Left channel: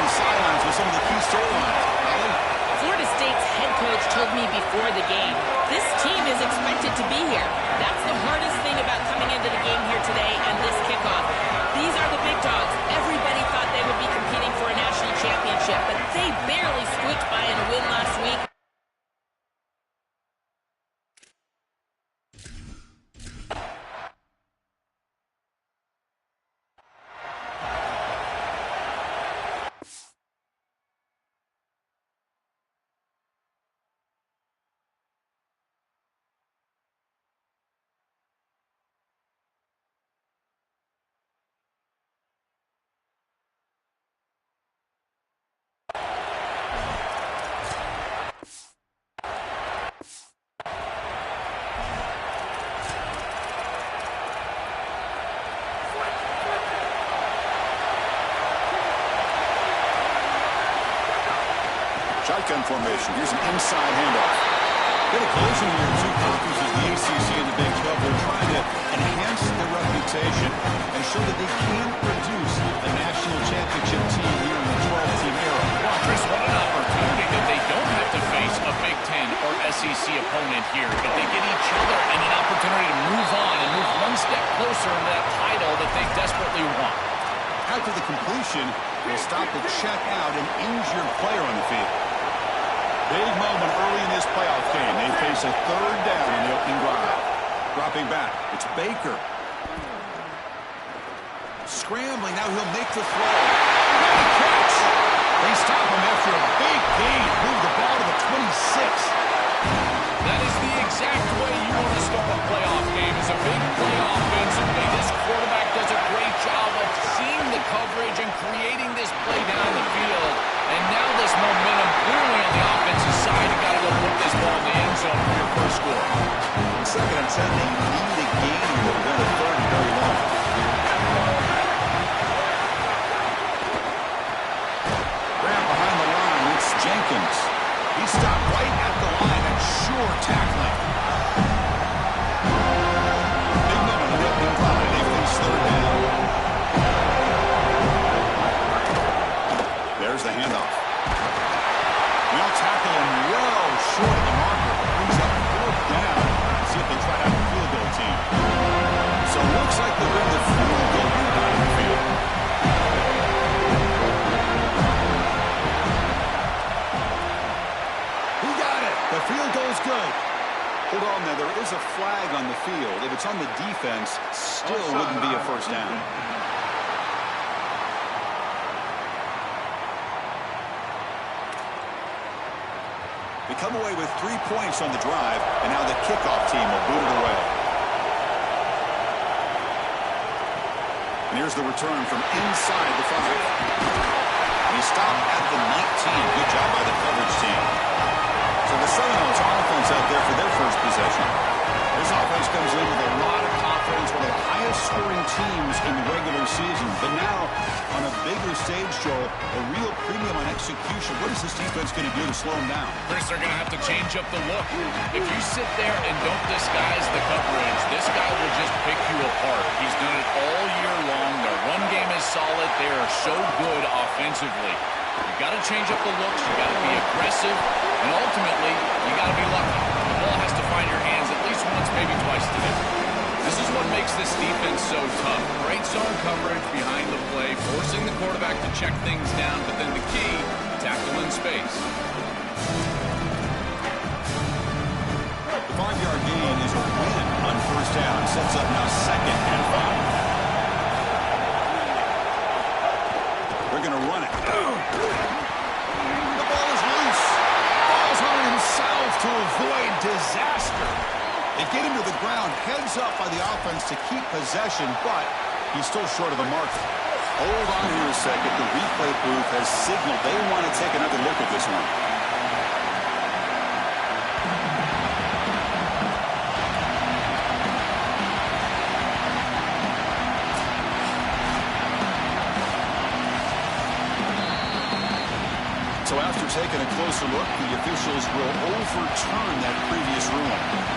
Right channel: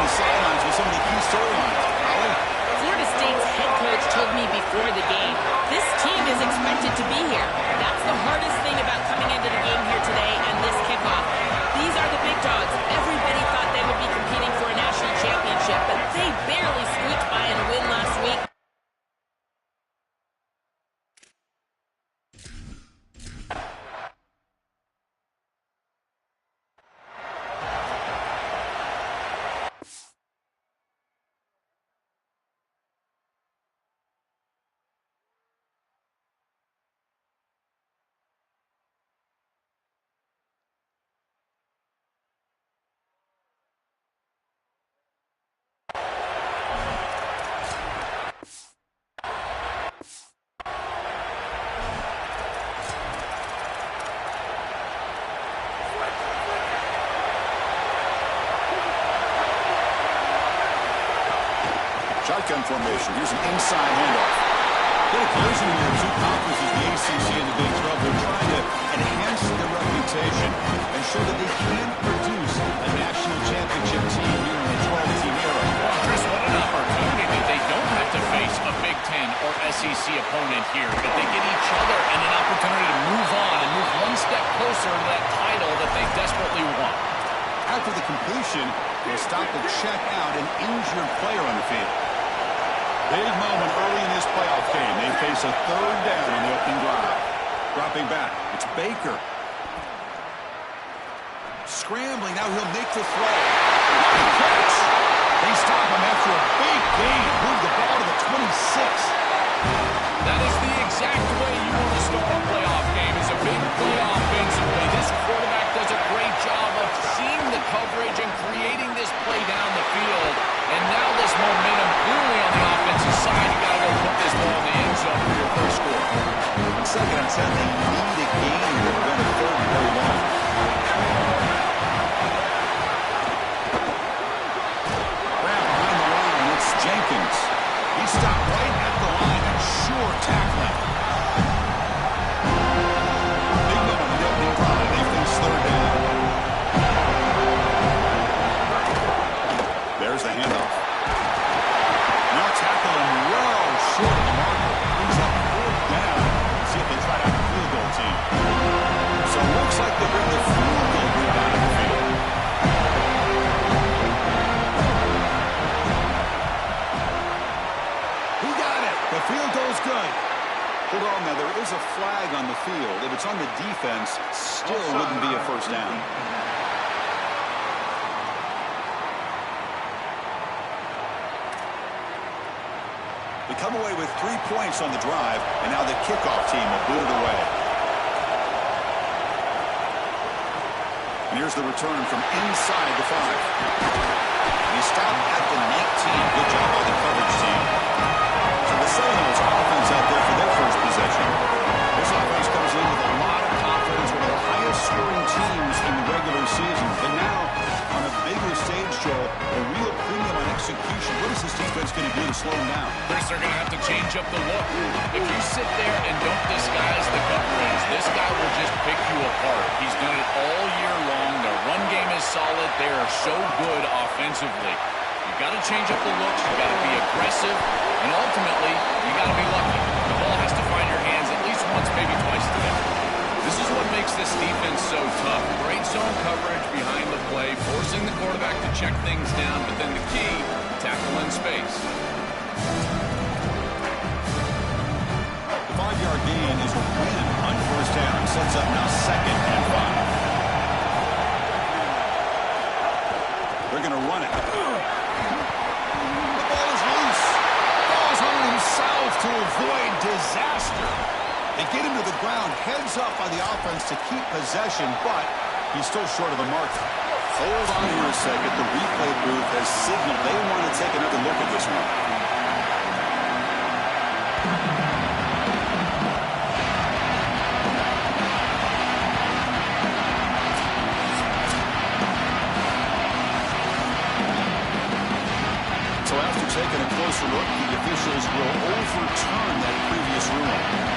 on the sidelines with some of the key storylines. Holly? Florida State's head coach told me before the game, this team is expected to be here. That's the hardest thing about coming into the game here today and this kickoff. These are the big dogs. Everybody thought they would be competing for a national championship, but they barely squeaked by in a win last week. Shotgun formation. Here's an inside handoff. Get a collision here in two conferences, the ACC and the Big 12. They're trying to enhance their reputation and show that they can produce a national championship team here in the 12-team era. Well, Chris, what an opportunity that they don't have to face a Big 10 or SEC opponent here, but they get each other and an opportunity to move on and move one step closer to that title that they desperately want. After the completion, they'll stop to check out an injured player on the field. Big moment early in this playoff game. They face a third down on the opening drive. Dropping back, it's Baker. Scrambling, now he'll make the throw. What a catch! They stop him after a big gain. Move the ball to the 26. That is the exact way you want to start a playoff game, is a big play offensively. This quarterback does a great job of seeing the coverage and creating this play down the field. And now this momentum clearly on the offensive side. You got to go put this ball in the end zone for your first score. Second and 10, they need a gain here to prevent a third and very long. Grab behind the line, it's Jenkins. He stopped right at the line and sure tackling. Big moment on the opening drive. They face third down. There's the handoff. Now tackle him well short of the marker. Brings up fourth down. See if they try out the field goal team. So it looks like they bring the field goal group out of the field. He got it. The field goal's good. Hold on now. There is a flag on the field. If it's on the defense, still wouldn't be a first down. They come away with 3 points on the drive, and now the kickoff team will boot it away. And here's the return from inside the 5. And he stopped at the 19. Good job by the coverage team. So the Seminoles offense out there for their first possession. This offense comes in with a lot of confidence, one of the highest scoring teams in the regular season. But now, on a bigger stage, Joel, a real premium on execution. What is this defense going to do to slow them down? Chris, they're going to have to change up the look. If you sit there and don't disguise the coverage, this guy will just pick you apart. He's done it all year long. Their run game is solid. They are so good offensively. You've got to change up the looks. You've got to be aggressive. And ultimately, you got to be lucky. The ball has to find your hands at least once, maybe twice today. This is what makes this defense so tough. Great zone coverage behind the play, forcing the quarterback to check things down, but then the key, tackle in space. The 5-yard gain is a win on first down. Sets up now 2nd and 5. They're going to run it. The ball is loose. Falls on himself to avoid disaster. They get him to the ground, heads up by the offense to keep possession, but he's still short of the mark. Hold on here a second. The replay booth has signaled they want to take another look at this one. So after taking a closer look, the officials will overturn that previous ruling.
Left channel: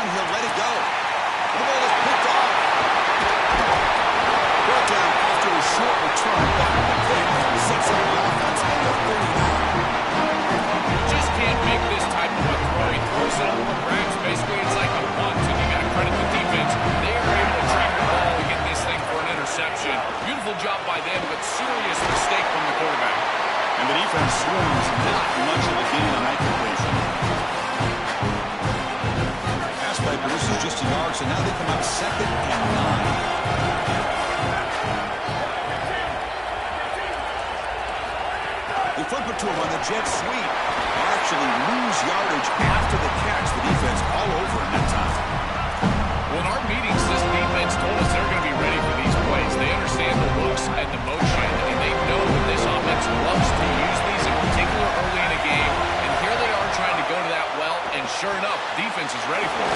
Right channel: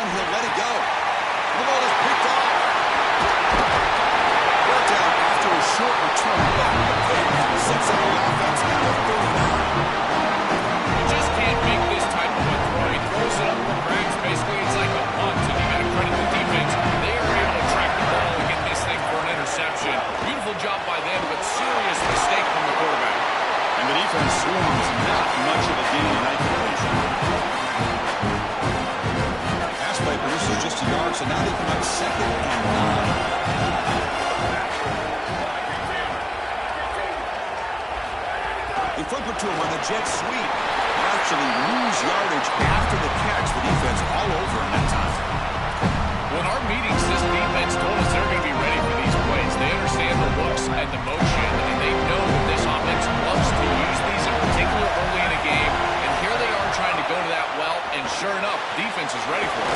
run. He'll let it go. The ball is picked off. Brought down after a short return. Back to the pick. Sets up the offense at the 39. You just can't make this type of a throw. He throws it up for grabs. Basically, it's like a punt, and you got to credit the defense. They are able to track the ball and get this thing for an interception. Beautiful job by them, but serious mistake from the quarterback. And the defense swarms not much of a gain on that completion. Pass play produces just a yard, so now they come up 2nd and 9. They flip it to him on the jet sweep. They'll actually lose yardage after the catch. The defense all over in that time. Well, in our meetings, this defense told us they're going to be ready for these plays. They understand the looks and the motion, and they know that this offense loves to use these, in particular early in a game. And here they are trying to go to that well, and sure enough, defense is ready for it.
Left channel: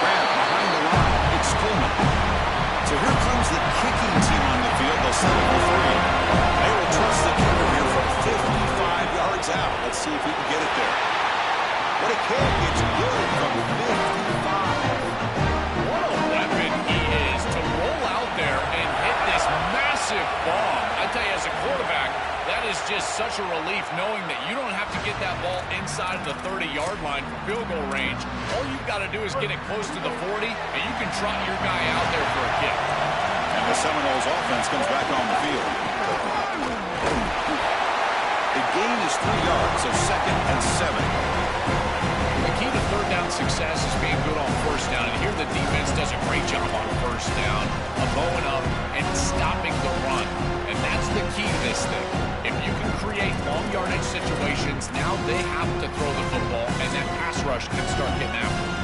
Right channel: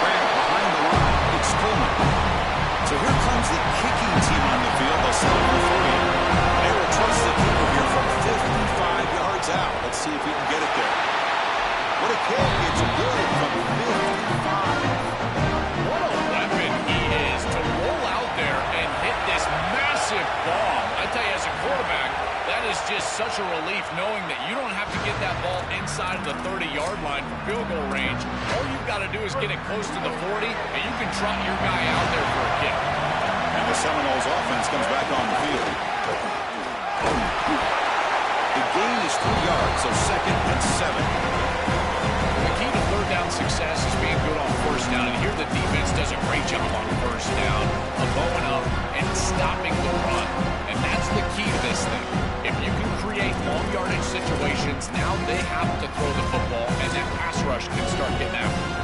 Grant behind the line. It's Coleman. So here comes the kicking team on the field. They'll settle for 3. They will trust the kicker here from 55 yards out. Let's see if he can get it there. What a kick. It's good from 55. What a weapon he is to roll out there and hit this massive bomb. I tell you, as a quarterback, that is just such a relief knowing that you don't have to get that ball inside of the 30-yard line for field goal range. All you've got to do is get it close to the 40, and you can trot your guy out there for a kick. And the Seminoles offense comes back on the field. The gain is 3 yards, so 2nd and 7. The key to third down success is being good on first down, and here the defense does a great job on first down of bowing up and stopping the run. And that's the key to this thing. If you can create long yardage situations, now they have to throw the football, and that pass rush can start getting after it.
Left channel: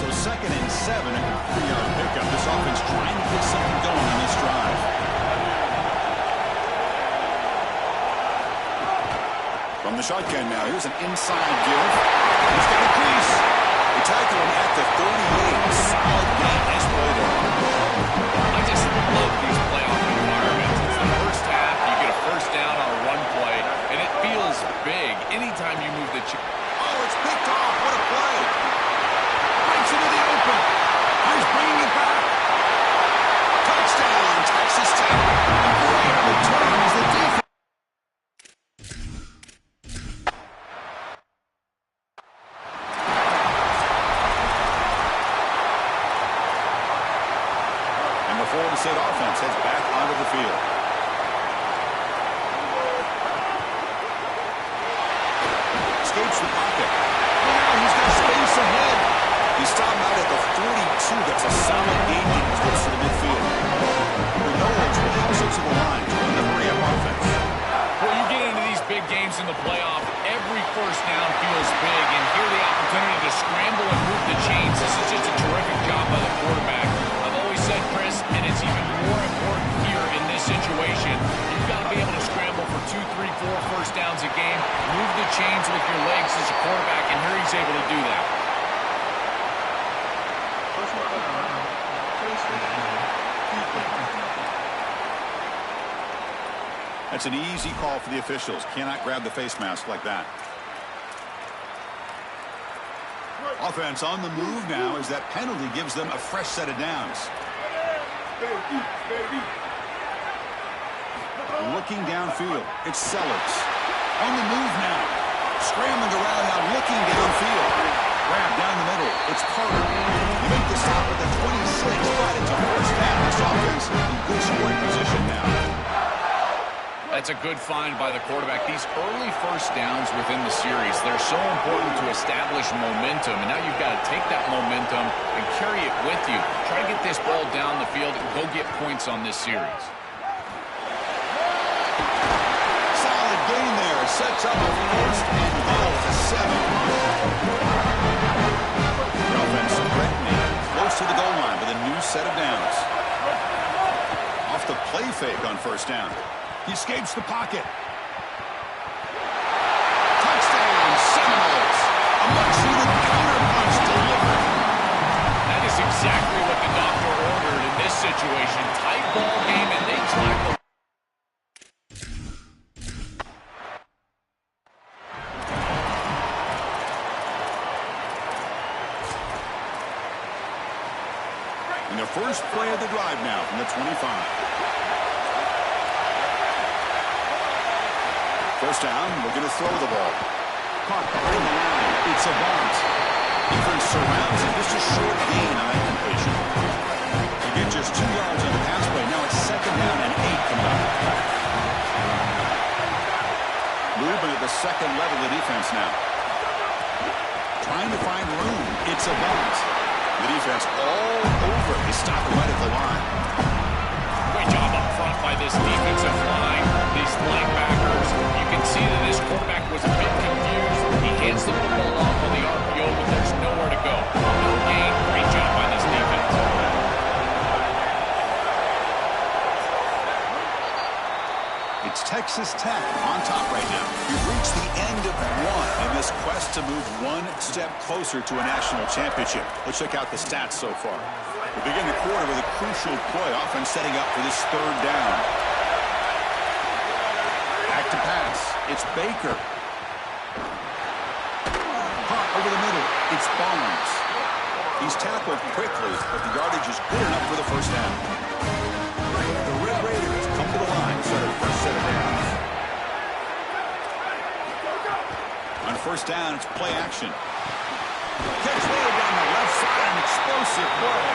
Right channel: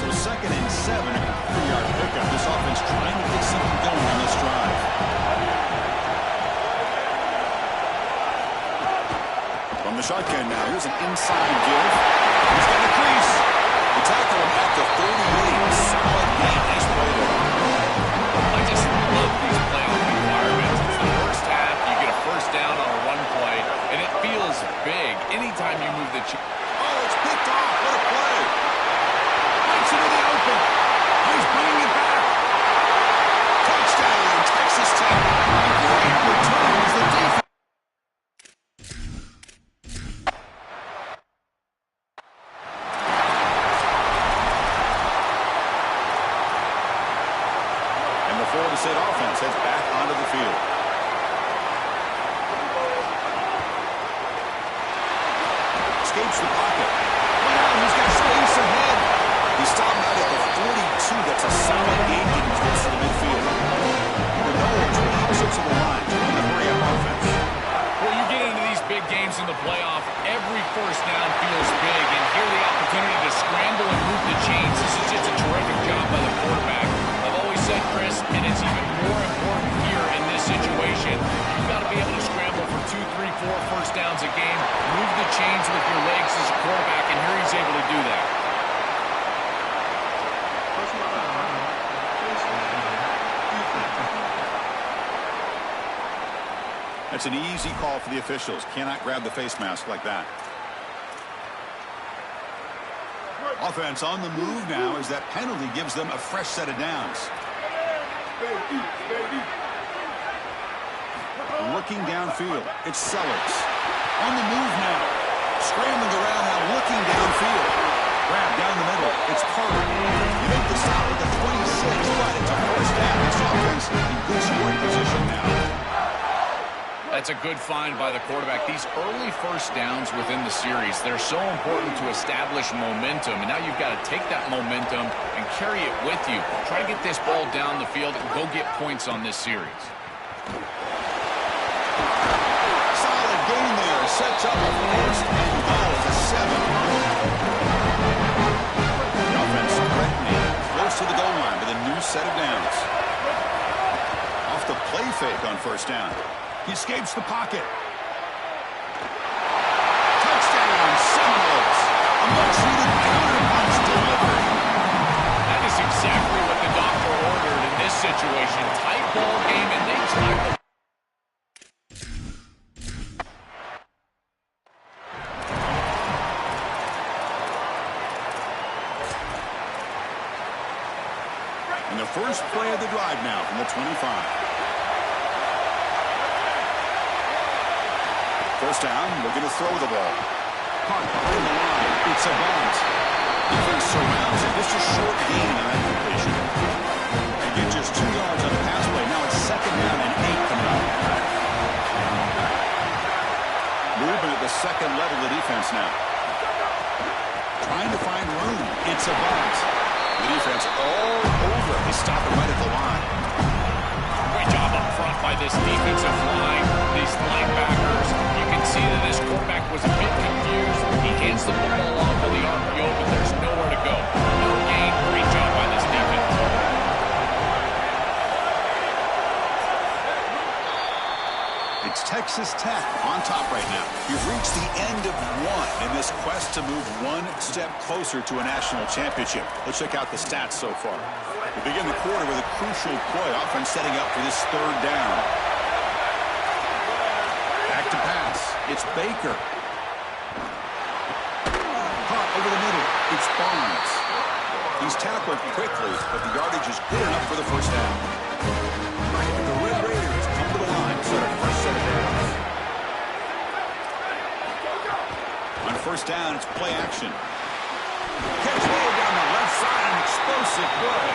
So 2nd and 7, a 3-yard pickup. This offense trying to get something going on this drive. From the shotgun now, here's an inside give. He's got a crease. They tackle him at the 38. Solid gain. Nice play there. I just love these playoff environments. It's the first half. You get a first down on a run play, and it feels big anytime you move the Oh, it's picked off. What a play. Breaks into the open. He's bringing it back. Touchdown, Texas Tech. A great return as the defense. Florida State offense heads back onto the field. Escapes the pocket. Look out, he's got space ahead. He's stopped out at the 42. That's a solid gain getting close to the midfield. The Noles will house it to the line to run the hurry-up offense. Well, you get into these big games in the playoff, every first down feels big, and here the opportunity to scramble and move the chains. This is just a terrific job by the quarterback. I've always said, Chris, and it's even more important here in this situation, you've got to be able to scramble for 2, 3, 4 first downs a game, move the chains with your legs as a quarterback, and here he's able to do that. That's an easy call for the officials. Cannot grab the face mask like that. Offense on the move now as that penalty gives them a fresh set of downs. Looking downfield, it's Sellers. On the move now. Scrambling around now, looking downfield. Grab down the middle, it's Carter. You make the stop at the 26, but it's a first down. This offense in good scoring position now. That's a good find by the quarterback. These early first downs within the series, they're so important to establish momentum. And now you've got to take that momentum and carry it with you. Try to get this ball down the field and go get points on this series. Solid gain there. Sets up a first and goal at the 7. The offense threatening close to the goal line with a new set of downs. Off the play fake on first down. He escapes the pocket. Touchdown, Seminoles. A much-needed counterpunch delivered. That is exactly what the doctor ordered in this situation. Tight ball game, and they tried to... First play of the drive now from the 25. First down, looking to throw the ball. Caught behind the line. It's Avant. Defense surrounds him. Just a short gain on that completion. To get just 2 yards on the pass play. Now it's second down and 8 coming up. Movement at the second level of the defense now. Trying to find room. It's Avant. The defense all over. They stop it right at the line. Great job up front by this defensive line. These linebackers. You can see that this quarterback was a bit confused. He hands the football off on the RPO, but there's nowhere to go. No gain. Great job by this defense. It's Texas Tech on top right now. We've reached the end of one in this quest to move one step closer to a national championship. Let's check out the stats so far. We begin the quarter with a crucial play. Offense setting up for this third down. Back to pass. It's Baker. Caught over the middle. It's Barnes. He's tackled quickly, but the yardage is good enough for the first down. The Red Raiders come to the line, start a first set of downs. On first down, it's play action. Catch made down the left side, an explosive play.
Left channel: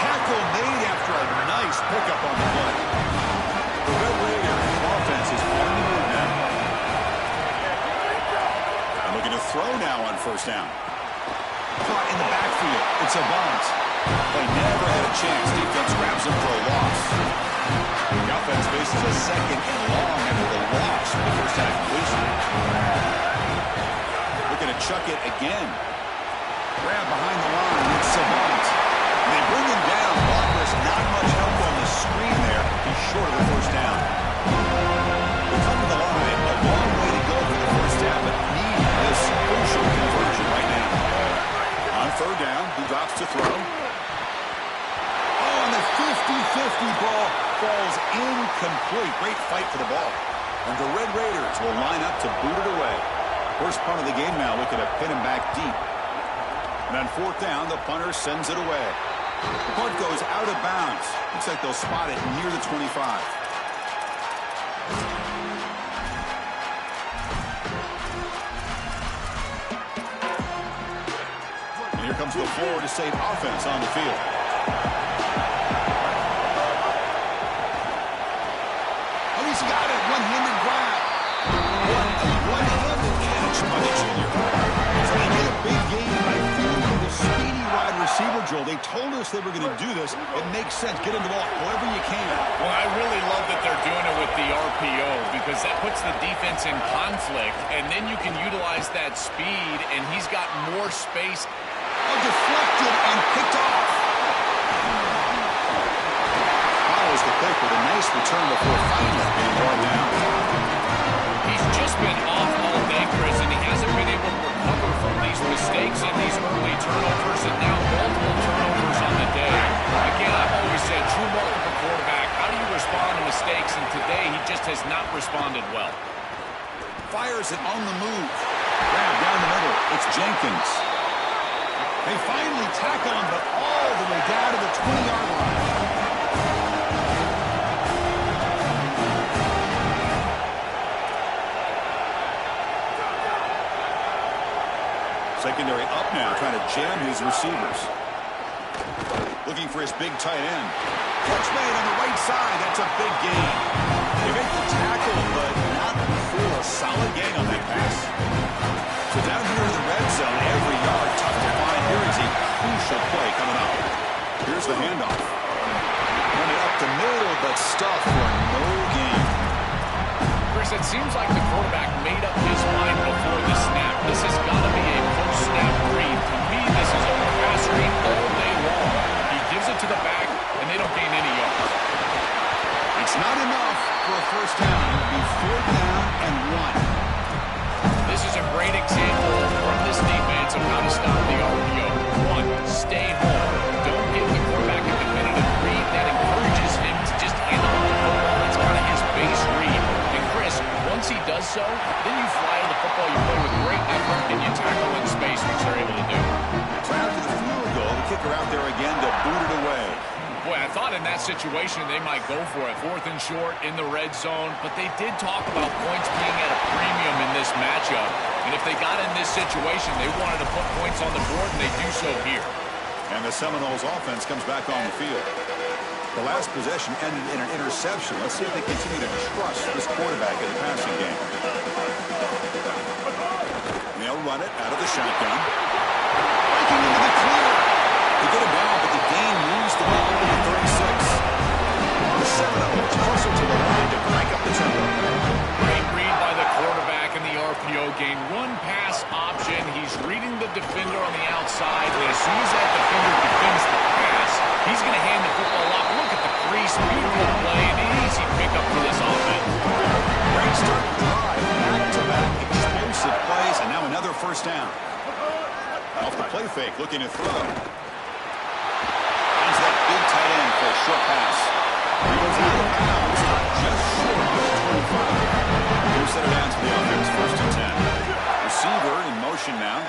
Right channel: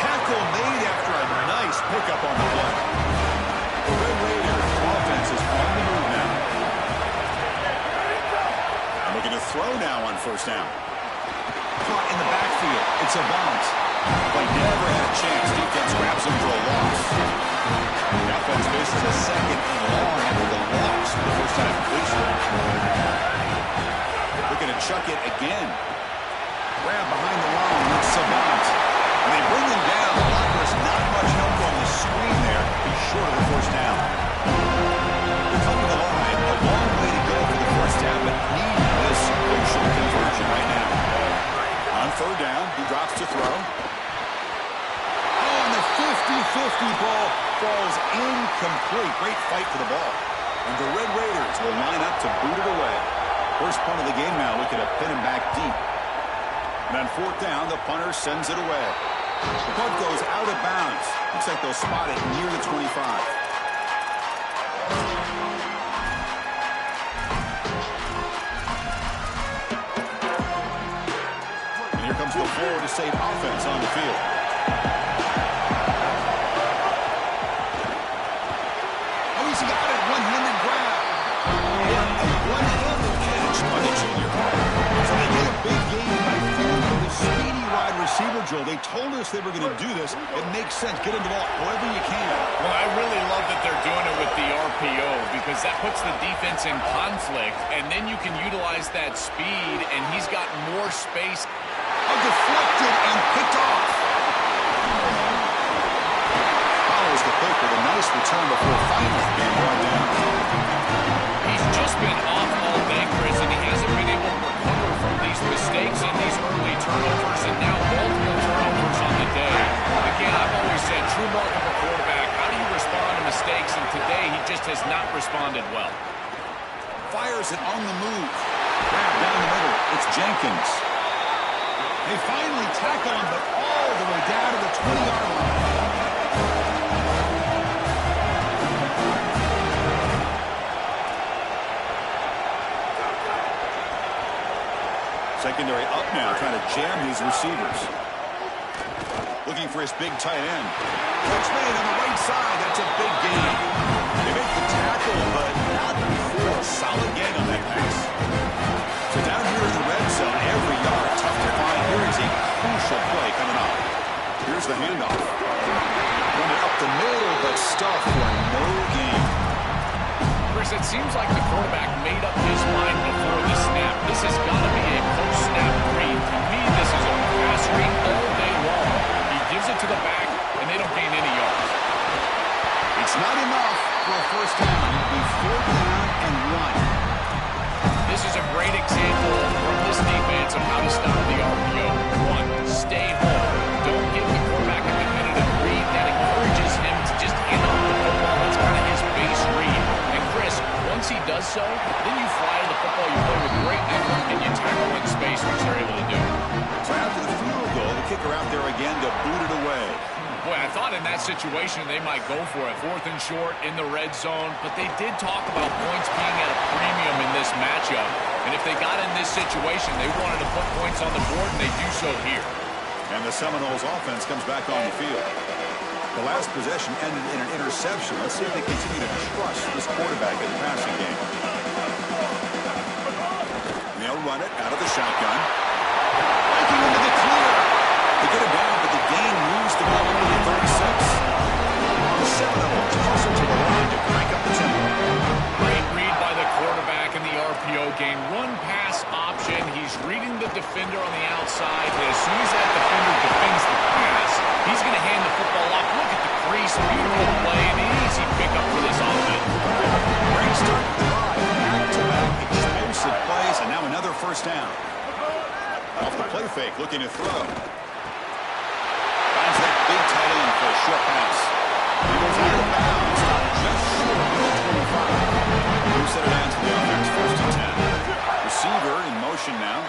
Tackle made after a nice pickup on the play. The Red Raiders offense is on the move now. And looking to throw now on first down. Caught in the backfield. It's Avant. Play never had a chance. Defense grabs him for a loss. The offense faces a second and long after the loss of the first time completion. Looking to chuck it again. Grab behind the line. It's Savant. And they bring him down. Blockers not much help on the screen there. He's short of the first down. We come to the line. A long way to go for the first down, but need this crucial conversion right now. On third down, he drops to throw. Oh, and the 50-50 ball falls incomplete. Great fight for the ball. And the Red Raiders will line up to boot it away. First punt of the game now, looking to pin him back deep. And on fourth down, the punter sends it away. The punt goes out of bounds. Looks like they'll spot it near the 25. And here comes the Florida State offense on the field. Oh, he's got it. One-handed grab. What a one-handed catch by the junior. So they get a big game by finding the speedy wide receiver, Joel. They told us they were going to do this. It makes sense. Get him the ball however you can. Well, I really love that they're doing it with the RPO because that puts the defense in conflict, and then you can utilize that speed, and he's got more space. Oh, deflected and picked off. Follows the pick with a nice return before finally being brought down. He's just been off all day, Chris, and he hasn't been able to recover from these mistakes and these early turnovers, and now multiple turnovers on the day. Again, I've always said, true mark of a quarterback, how do you respond to mistakes? And today, he just has not responded well. Fires it on the move. Grab down the middle. It's Jenkins. They finally tackle him, but all the way down to the 20-yard line. Secondary up now, trying to jam his receivers. Looking for his big tight end. Catch made on the right side. That's a big gain. They make the tackle, but not before. Solid gain on that pass. So down here in the red zone, every yard tough to find. Here is a crucial play coming up. Here's the handoff. Run it up the middle, but stuffed for no gain. Chris, it seems like the quarterback made up his mind before the snap. This has got to be a post-snap read. To me, this is a pass read all day long. He gives it to the back, and they don't gain any yards. It's not enough for a first down. It'll be fourth down and 1. This is a great example from this defense of how to stop the RPO. 1, stay home. Don't give the quarterback a definitive read. That encourages him to just hand off the football. That's kind of his base read. And Chris, once he does so, then you fly to the football, you play with great effort, and you tackle in space, which they're able to do. So after the field goal, the kicker out there again to boot it away. Boy, I thought in that situation they might go for it. 4th and short in the red zone. But they did talk about points being at a premium in this matchup. And if they got in this situation, they wanted to put points on the board, and they do so here. And the Seminoles offense comes back on the field. The last possession ended in an interception. Let's see if they continue to trust this quarterback in the passing game. And they'll run it out of the shotgun. Breaking into the clear. They get it down, but the gain moves the ball over to 36. The Seminoles hustle to the line to crank up the tempo. Great read by the quarterback in the RPO game. Run pass option. He's reading the defender on the outside, and as soon as that defender defends the pass, he's going to hand the football off. Look at the crease. Beautiful play, and an easy pickup for this offense. Great start to drive. Back-to-back explosive plays, and now another first down. Off the play fake, looking to throw. Finds that big tight end for a short pass. He goes out of bounds, just short of the 25. Who set it down to the offense, 1st and 10. Receiver in motion now.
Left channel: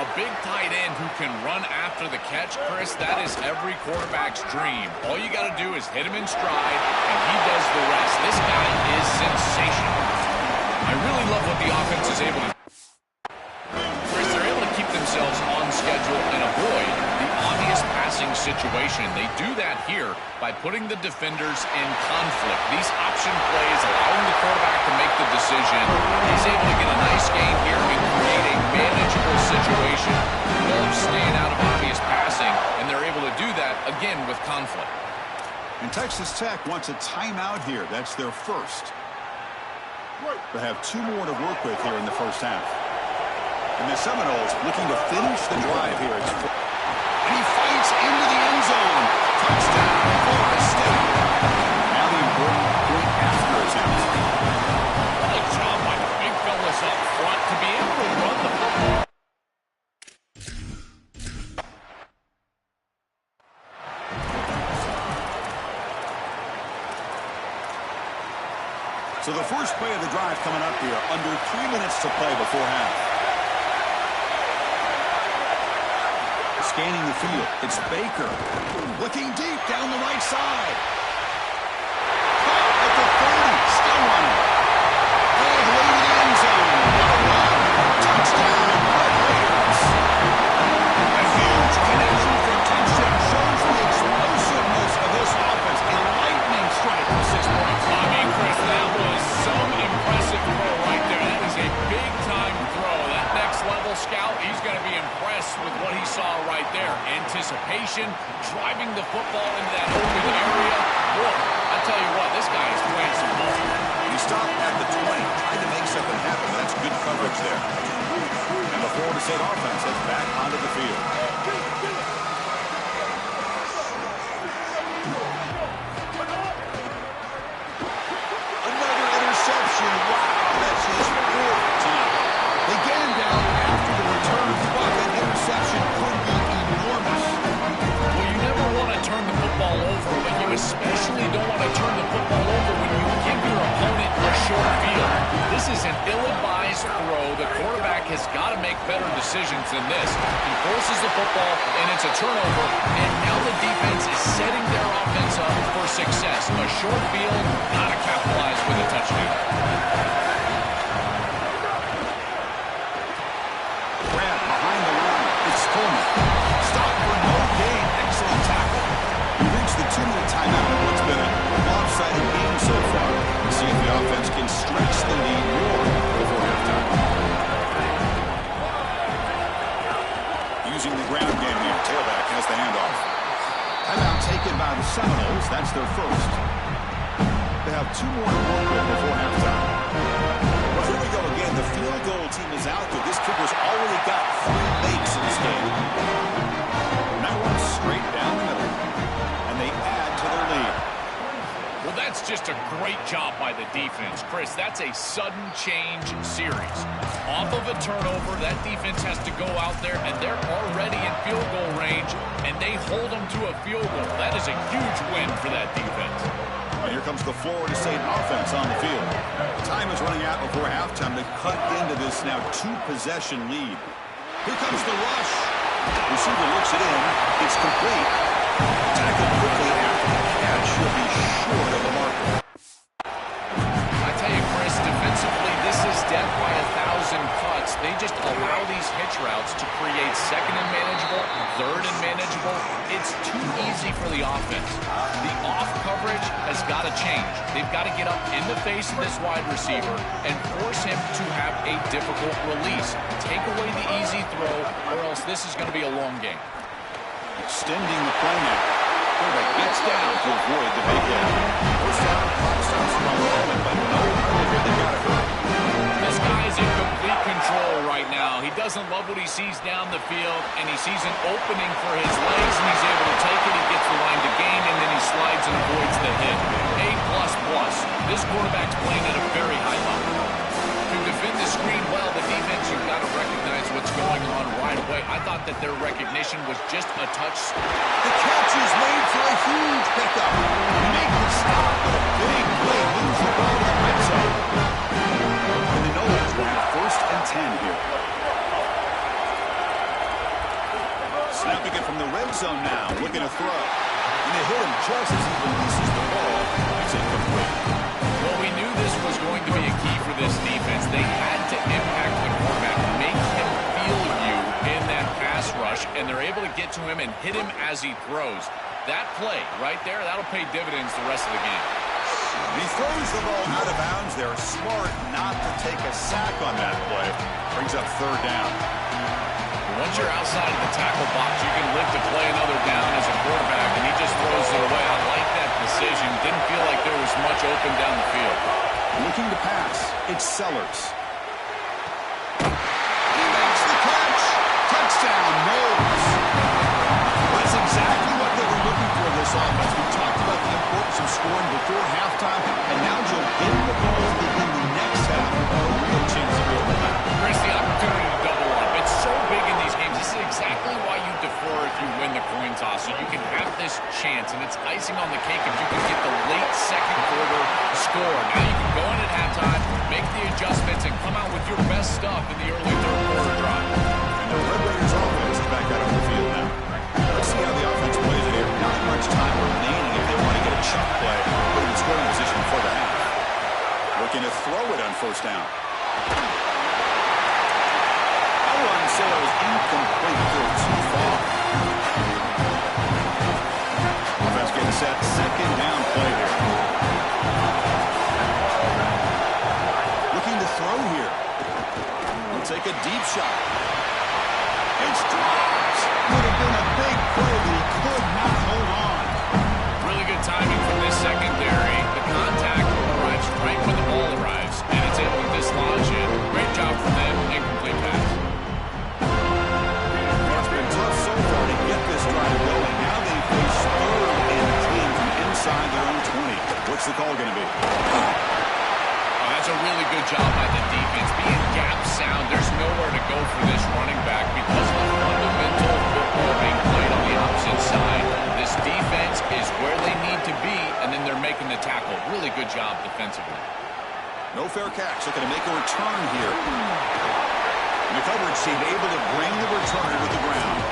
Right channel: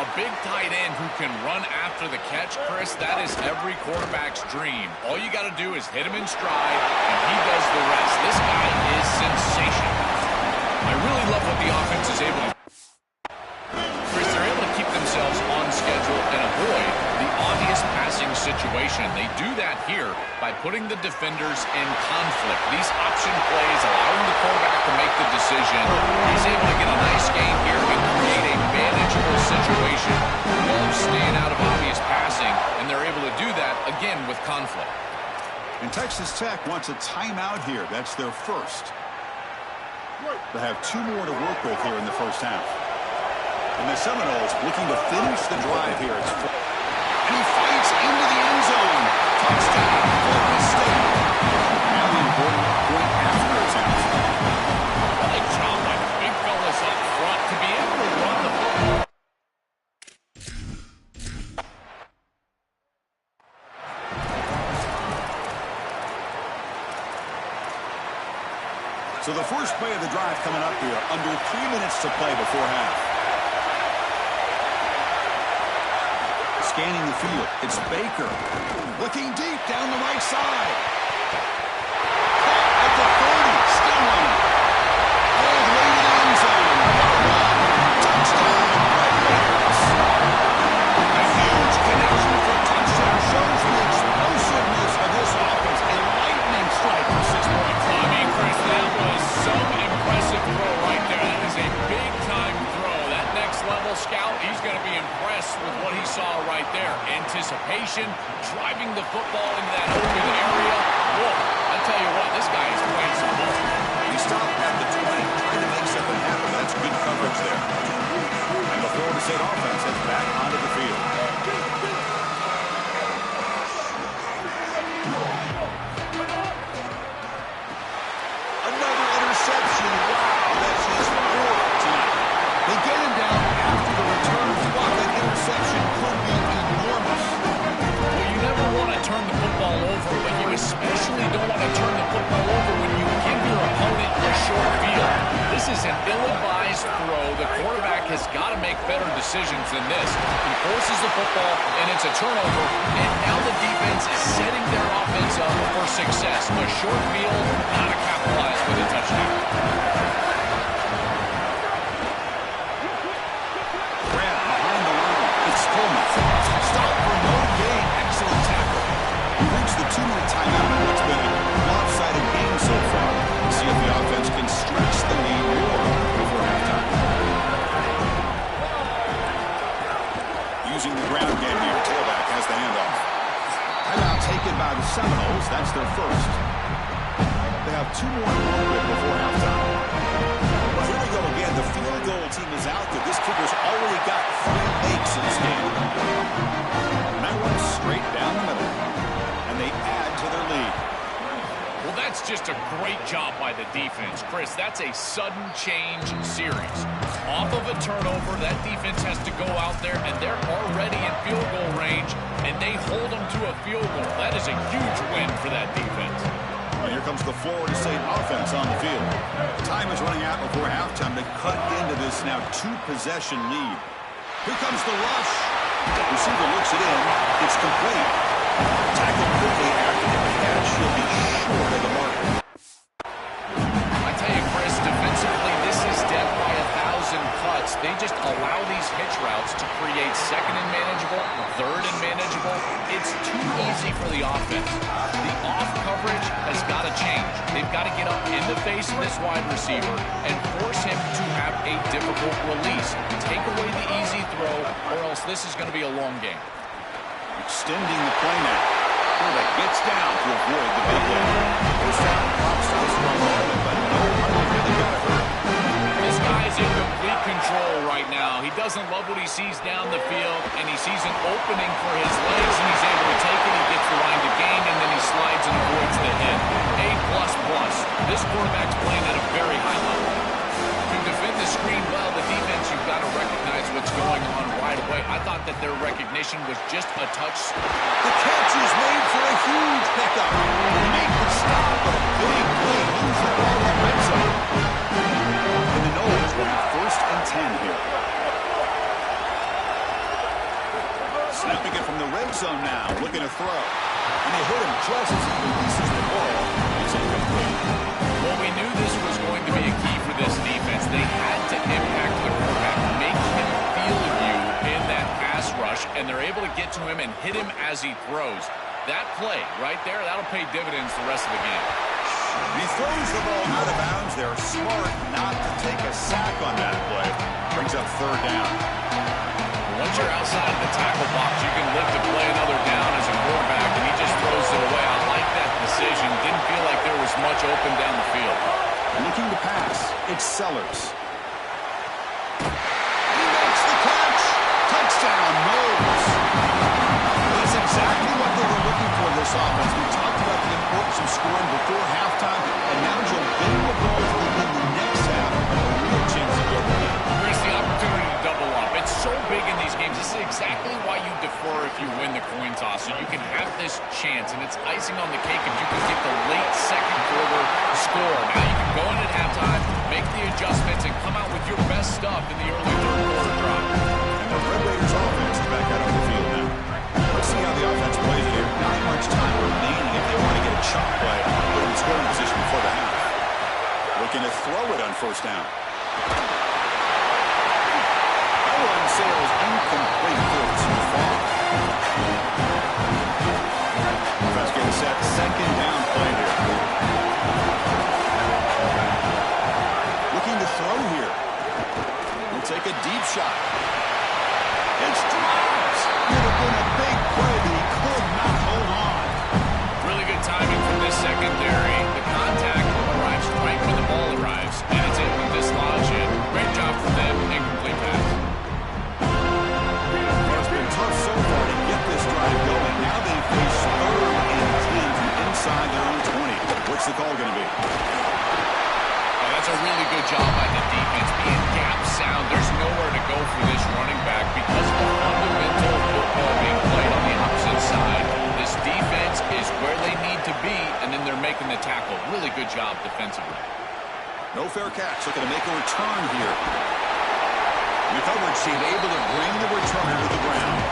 A big tight end who can run after the catch, Chris, that is every quarterback's dream. All you got to do is hit him in stride, and he does the rest. This guy is sensational. I really love what the offense is able to do. Chris, they're able to keep themselves on schedule and avoid the obvious passing situation. They do that here by putting the defenders in conflict. These option plays allowing the quarterback to make the decision. He's able to get a nice gain here and create a manageable situation while staying out of obvious passing, and they're able to do that, again, with conflict. And Texas Tech wants a timeout here. That's their first. They have 2 more to work with here in the first half. And the Seminoles looking to finish the drive here. And he fights into the end zone. Touchdown, Florida State. Now the important point after is out. What a job by the big fellas up front to be able to run the football. So the first play of the drive coming up here. Under 3 minutes to play before half. Scanning the field. It's Baker. Looking deep down the right side. Caught at the 30. Still running. All the way to the end zone. What a run. Touchdown, Red Raiders. A huge connection for a touchdown shows the explosiveness of this offense. A lightning strike for 6 points. I mean, Chris, that was some impressive throw right there. That is a big-time throw. That next-level scout, he's going to be impressed with what he saw right there. Anticipation, driving the football into that open area. Whoa, I tell you what, this guy is playing some ball. He stopped at the 20, trying to make something happen. That's good coverage there. And the Florida State offense heads back onto the field. Another interception. Wow, that's his 4th tonight. They get him down after the return, but that interception could be enormous. Well, you never want to turn the football over, but you especially don't want to turn the football over when you give your opponent a short field. This is an ill-advised throw. The quarterback has got to make better decisions than this. He forces the football, and it's a turnover, and now the defense is setting their offense up for success. A short field, got to capitalize with a touchdown. Grab behind the line. It's Coleman. Stop for no gain. Excellent tackle. We reached the 2-minute timeout in what's been a lopsided game so far. Let's see if the offense can stretch the lead more before halftime. Using the ground game here. Tailback has the handoff. Timeout taken by the Seminoles. That's their first. They have 2 more to work with before halftime. Well, here we go again. The field goal team is out there. This kicker's already got 3 makes in this game. And that one's straight down the middle. And they add to their lead. Well, that's just a great job by the defense. Chris, that's a sudden change series. Off of a turnover, that defense has to go out there, and they're already in field goal range, and they hold them to a field goal. That is a huge win for that defense. And here comes the Florida State offense on the field. Time is running out before halftime to cut into this now 2-possession lead. Here comes the rush. Receiver looks it in. It's complete. Tackled quickly after the catch. He'll be short of the marker. I tell you, Chris, defensively, this is death by 1,000 cuts. They just allow these hitch routes to create second and manageable, third and manageable. It's too easy for the offense. The off coverage has got to change. They've got to get up in the face of this wide receiver and force him to have a difficult release. Take away the easy throw, or else this is going to be a long game. Extending the play now. Quarterback gets down to avoid the big hit. First down, clock stops for a moment, but no hurry. They got to hurry. This guy's in complete control right now. He doesn't love what he sees down the field, and he sees an opening for his legs, and he's able to take it. He gets the line to gain, and then he slides and avoids the hit. A++. This quarterback's playing at a very high level. To defend the screen well, the defense, you've got to recognize what's going on right away. I thought that their recognition was just a touch. The catch is made for a huge pickup. They make the stop, but a big play moves the ball to the red zone. And the Noles will have 1st and 10 here. Snapping it from the red zone now, looking to throw. And they hit him just as he releases the ball. It's incomplete. Well, we knew this was going to be a key for this defense. They had to impact the quarterback, make him feel you in that pass rush, and they're able to get to him and hit him as he throws. That play right there, that'll pay dividends the rest of the game. He throws the ball out of bounds. They're smart not to take a sack on that play. Brings up 3rd down. Once you're outside of the tackle box, you can live to play another down as a quarterback, and he just throws it away. I like that decision. Didn't feel like there was much open down the field. Looking to pass. It's Sellers. He makes the catch. Touchdown, Noles. That's exactly what they were looking for this offense. We talked about the importance of scoring before halftime, and now Joe getting the ball to begin the next half, a real chance to build the lead. Chris, the opportunity to double up. It's so big in these games. This is exactly why you defer if you win the coin toss, so you can have this chance, and it's icing on the cake if you can get the late second quarter score. Now you can go in at halftime, make the adjustments, and come out with your best stuff in the early third quarter drive. And the Red Raiders offense is back out on the field now. Let's see how the offense plays it here. Not much time remaining if they want to get a chunk play, put him in scoring position before the half. Looking to throw it on 1st down. That one sails incomplete, through too far. Offense getting set, 2nd down play here. Looking to throw here. He'll take a deep shot. It's dropped. Would have been a big play, but he could not hold on. Really good timing from this secondary. The contact arrives right when the ball arrives, and it's able to dislodge it. Great job from them. Incomplete pass. It's been tough so far to get this drive going. Now they face 3rd and 10 from inside their own 20. What's the call going to be? Oh, that's a really good job by the defense. Being gap sound, there's nowhere to go for this running back because of the fundamental football being played on the opposite side. This defense is where they need to be, and then they're making the tackle. Really good job defensively. No fair catch. Looking to make a return here. And the coverage team able to bring the returner to the ground.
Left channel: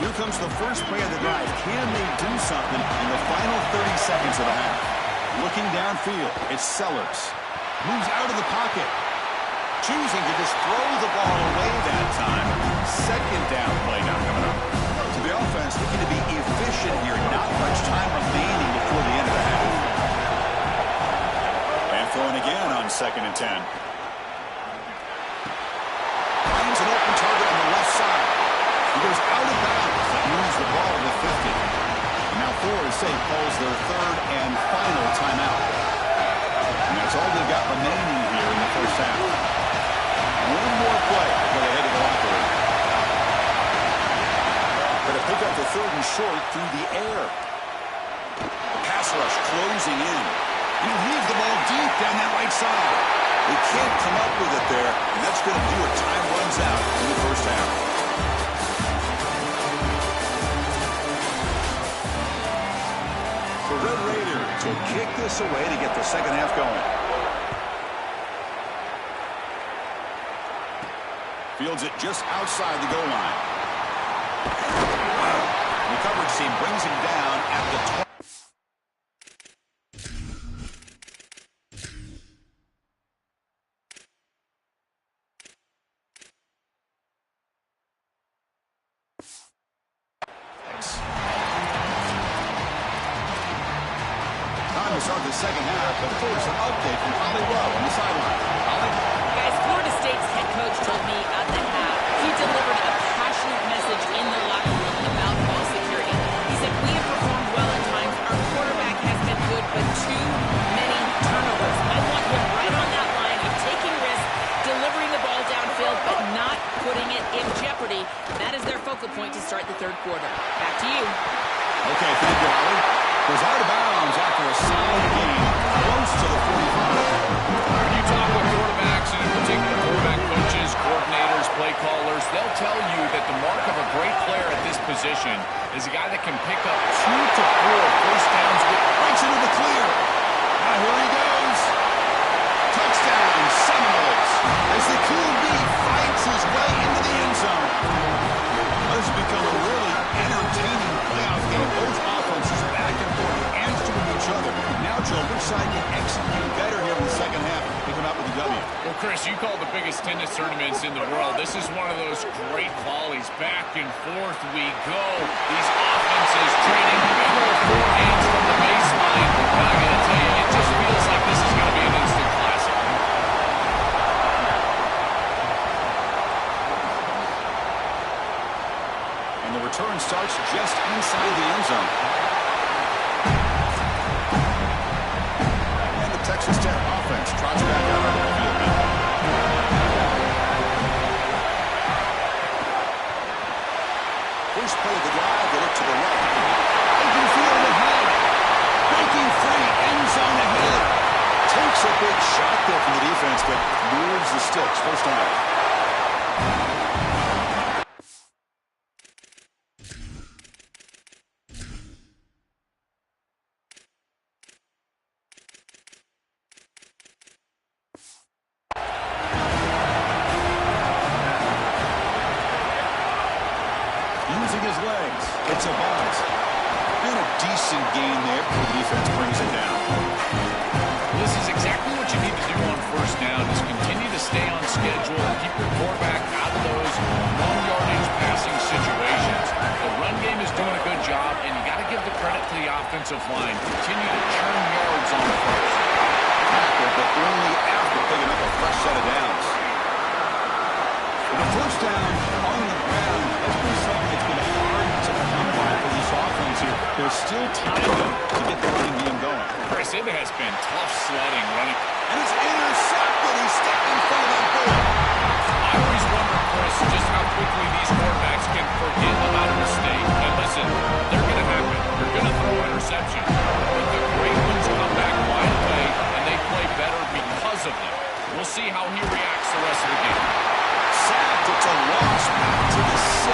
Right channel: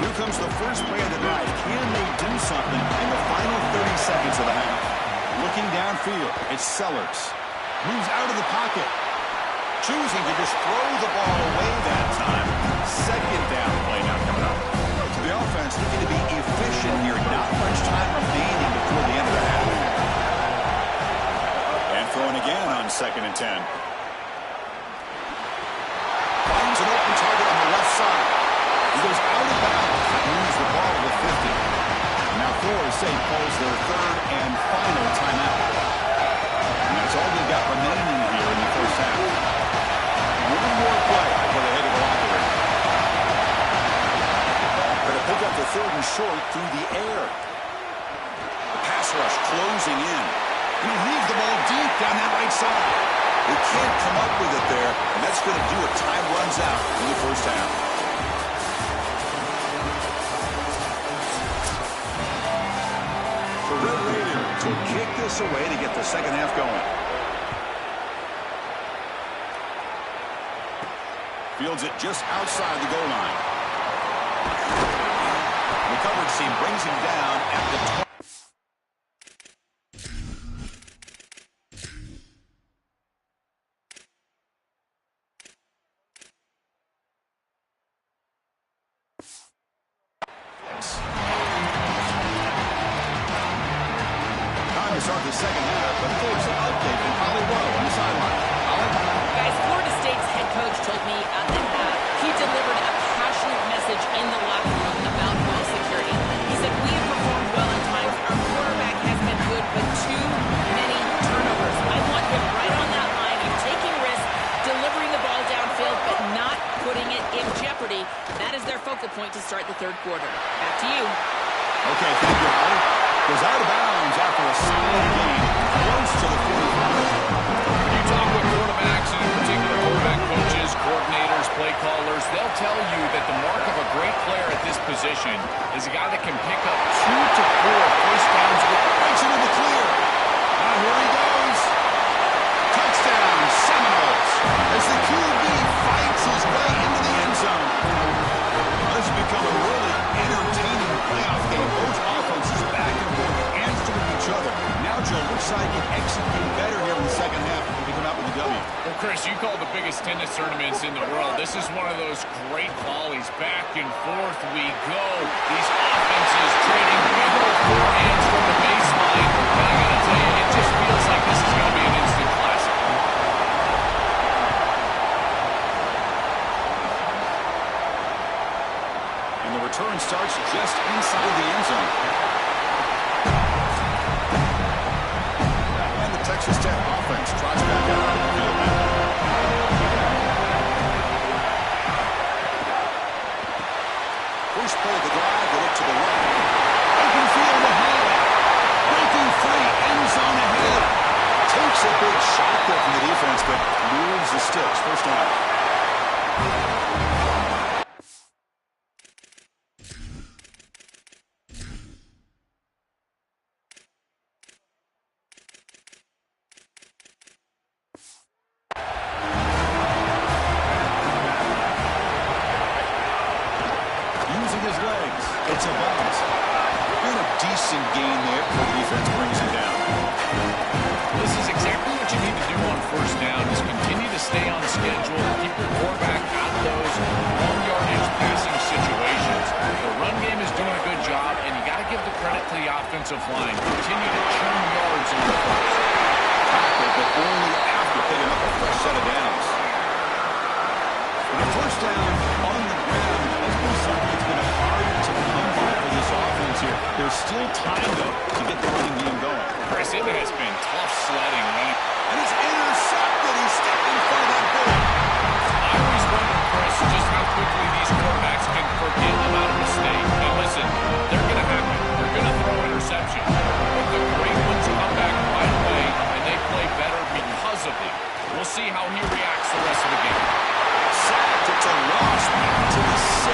Here comes the first play of the drive. Can they do something in the final 30 seconds of the half? Looking downfield, it's Sellers. Moves out of the pocket. Choosing to just throw the ball away that time. 2nd down play now coming up. To the offense, looking to be efficient here. Not much time remaining before the end of the half. And throwing again on 2nd and 10. Finds an open target on the left side. He goes out of bounds. That moves the ball to the 50. And now Florida State calls their 3rd and final timeout. And that's all they've got remaining here in the first half. One more play before they head to the locker room. Going to pick up the 3rd and short through the air. The pass rush closing in. He leaves the ball deep down that right side. They can't come up with it there, and that's going to do it. Time runs out in the first half. The Red Raiders will kick this away to get the second half going. Fields it just outside the goal line. The coverage team brings him down at the 20. Time to start the second half, but first an update from Holly Rowe on the sideline. Holly? Guys, Florida State's head coach told me at the half he delivered a passionate message in the locker room about ball security. He said, we have performed well at times. Our quarterback has been good, but too many turnovers. I want him right on that line of taking risks, delivering the ball downfield, but not putting it in jeopardy. That is their focal point to start the third quarter. Back to you. Okay, thank you, Holly. Goes out of bounds after a solid game, close to the 45. When you talk with quarterbacks, and in particular quarterback coaches, coordinators, play callers, they'll tell you that the mark of a great player at this position is a guy that can pick up 2 to 4 first downs. Breaks into the clear. Now here he goes. Touchdown, Seminoles, as the QB fights his way into the end zone. This has become a really entertaining playoff game. Both offenses back and forth, answering each other. Now, Joe, which side can execute better here in the second half to come out with the W? Well, Chris, you call the biggest tennis tournaments in the world. This is one of those great volleys. Back and forth we go. These offenses trading big old forehands from the baseline. And I got to tell you, it just feels like this is going to be an instant classic. And the return starts just inside the end zone. And the Texas Tech offense trots back out on the field now. First play of the drive, they look to the right. Open field ahead. Breaking free, end zone ahead. Takes a big shot there from the defense, but moves the sticks. First down. Using his legs. It's a bounce. And a decent gain there before the defense brings him down. This is exactly what you need to do on first down, is continue to stay on schedule, keep your quarterback out of those long-yardage passing situations. The run game is doing a good job, and you got to give the credit to the offensive line. Continue to churn yards on the first. Tackle, but only after picking up a fresh set of downs. The first down on the ground has been something that's been hard to come by for this offense here. There's still time, though, to get the running game going. Chris, it has been tough sledding running. And it's intercepted. He stepped in front of that bullet. I always wonder, Chris, just how quickly these quarterbacks can forget about a mistake. And listen, they're going to happen. They're going to throw interceptions. But the great ones come back right away, and they play better because of them. We'll see how he reacts the rest of the game. Sacked. It's a loss back to the 6.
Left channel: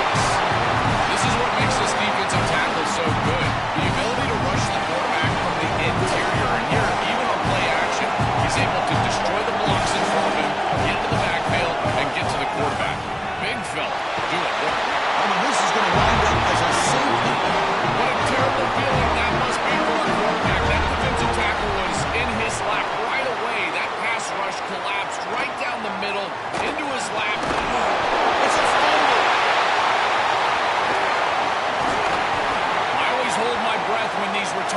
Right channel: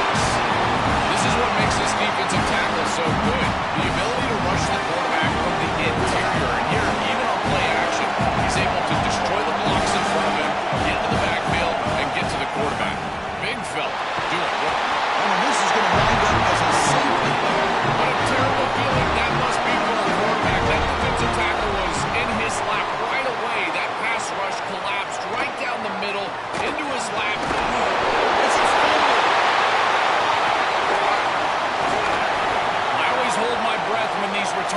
This is what makes this defensive tackle so good. The ability to rush the quarterback from the interior. And here, even on play action, he's able to destroy the blocks in front of him, get into the backfield, and get to the quarterback. Big fella doing work. Oh, and this is going to wind up as a safety. What a terrible feeling that must be for a quarterback. That defensive tackle was in his lap right away. That pass rush collapsed right down the middle into his lap. It's a fumble. I always hold my breath when these return.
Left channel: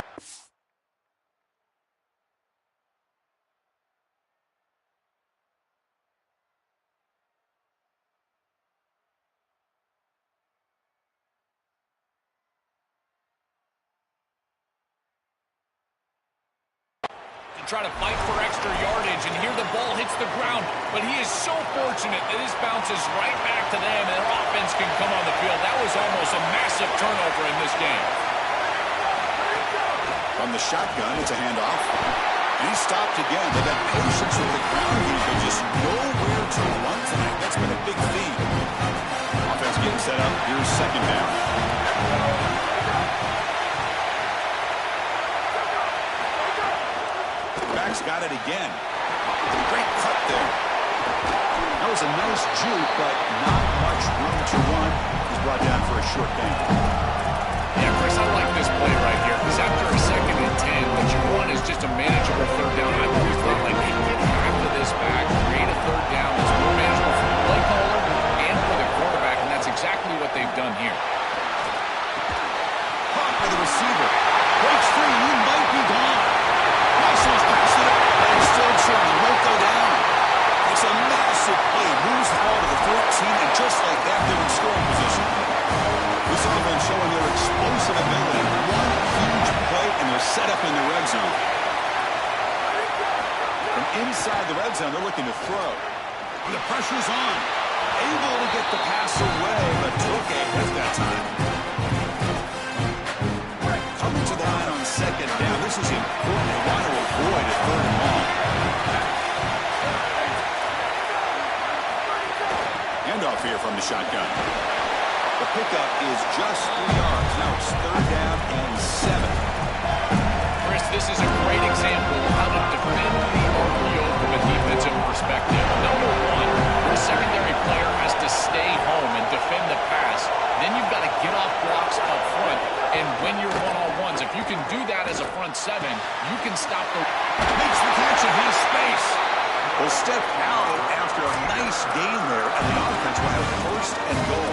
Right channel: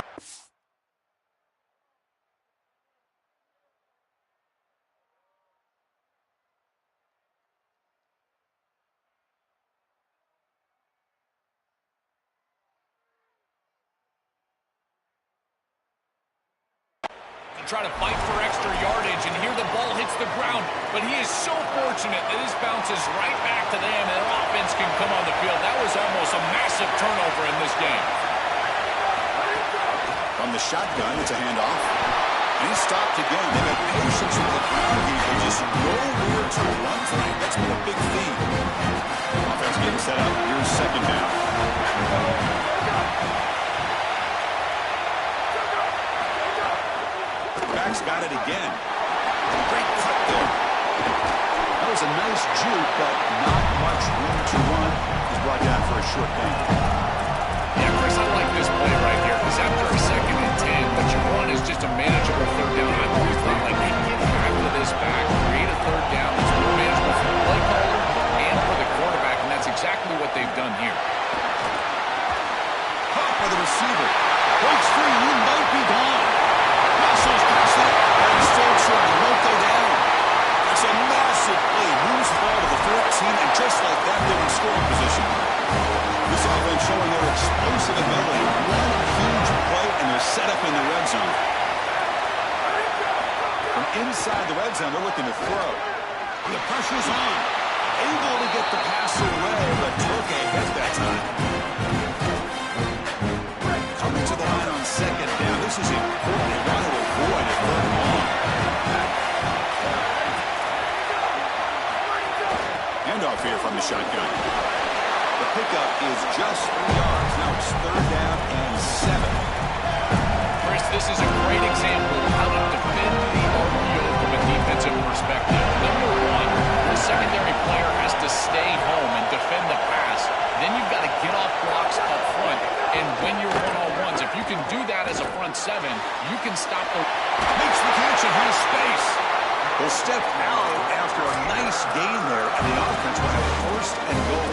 Try to fight for extra yardage, and here the ball hits the ground. But he is so fortunate that this bounces right back to them, and their offense can come on the field. That was almost a massive turnover in this game. From the shotgun, it's a handoff. And he stopped again. They've had patience with the ground game, but just nowhere to run tonight. That's been a big theme. Offense getting set up. Here's second down. Back's got it again. Great cut there. No was a nice juke, but not much room to run. He's brought down for a short gain. Yeah, Chris, I like this play right here because after a 2nd and 10, what you want is just a manageable 3rd down. I've always thought, like, hey, get half of this back, create a 3rd down that's more manageable for the play caller and for the quarterback, and that's exactly what they've done here. Caught by the receiver. Breaks free, and he might be gone. Muscles past it, and he's still trying. Won't go down. It's a massive play. Moves the ball to the 14, and just like that, they're in scoring position. This offense showing their explosive ability. One huge play, and they're set up in the red zone. From inside the red zone, they're looking to throw. And the pressure's on. Able to get the pass away, but took a hit that time. Coming to the line on 2nd down. This is important. They want to avoid a 3rd and long. Handoff here from the shotgun. The pickup is just 3 yards. Now it's 3rd down and 7. Chris, this is a great example of how to defend the RPO from a defensive perspective. Number one, your secondary player has to stay home and defend the pass. Then you've got to get off blocks up front and win your one-on-ones. If you can do that as a front 7, you can stop the... Makes the catch and has space. Will step out after a nice gain there, and the offense will have 1st and goal.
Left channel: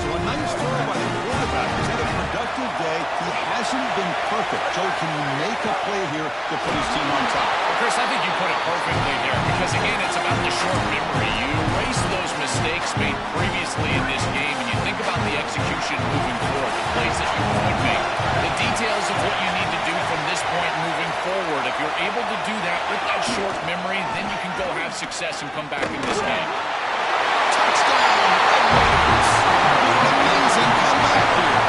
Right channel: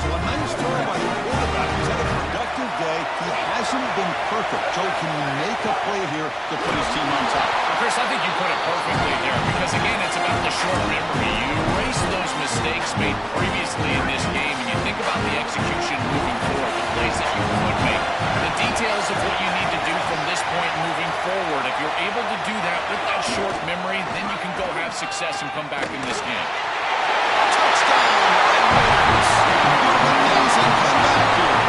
So a nice throw by the quarterback. He's had a productive day. He hasn't been perfect. Joe, can you make a play here to put his team on top? Well, Chris, I think you put it perfectly there because, again, it's about the short memory. You erase those mistakes made previously in this game, and you think about the execution moving forward, the plays that you could make, the details of what you need to do from this point moving forward. If you're able to do that with that short memory, then you can go have success and come back in this game. Touchdown, Red Raiders. What an amazing comeback here.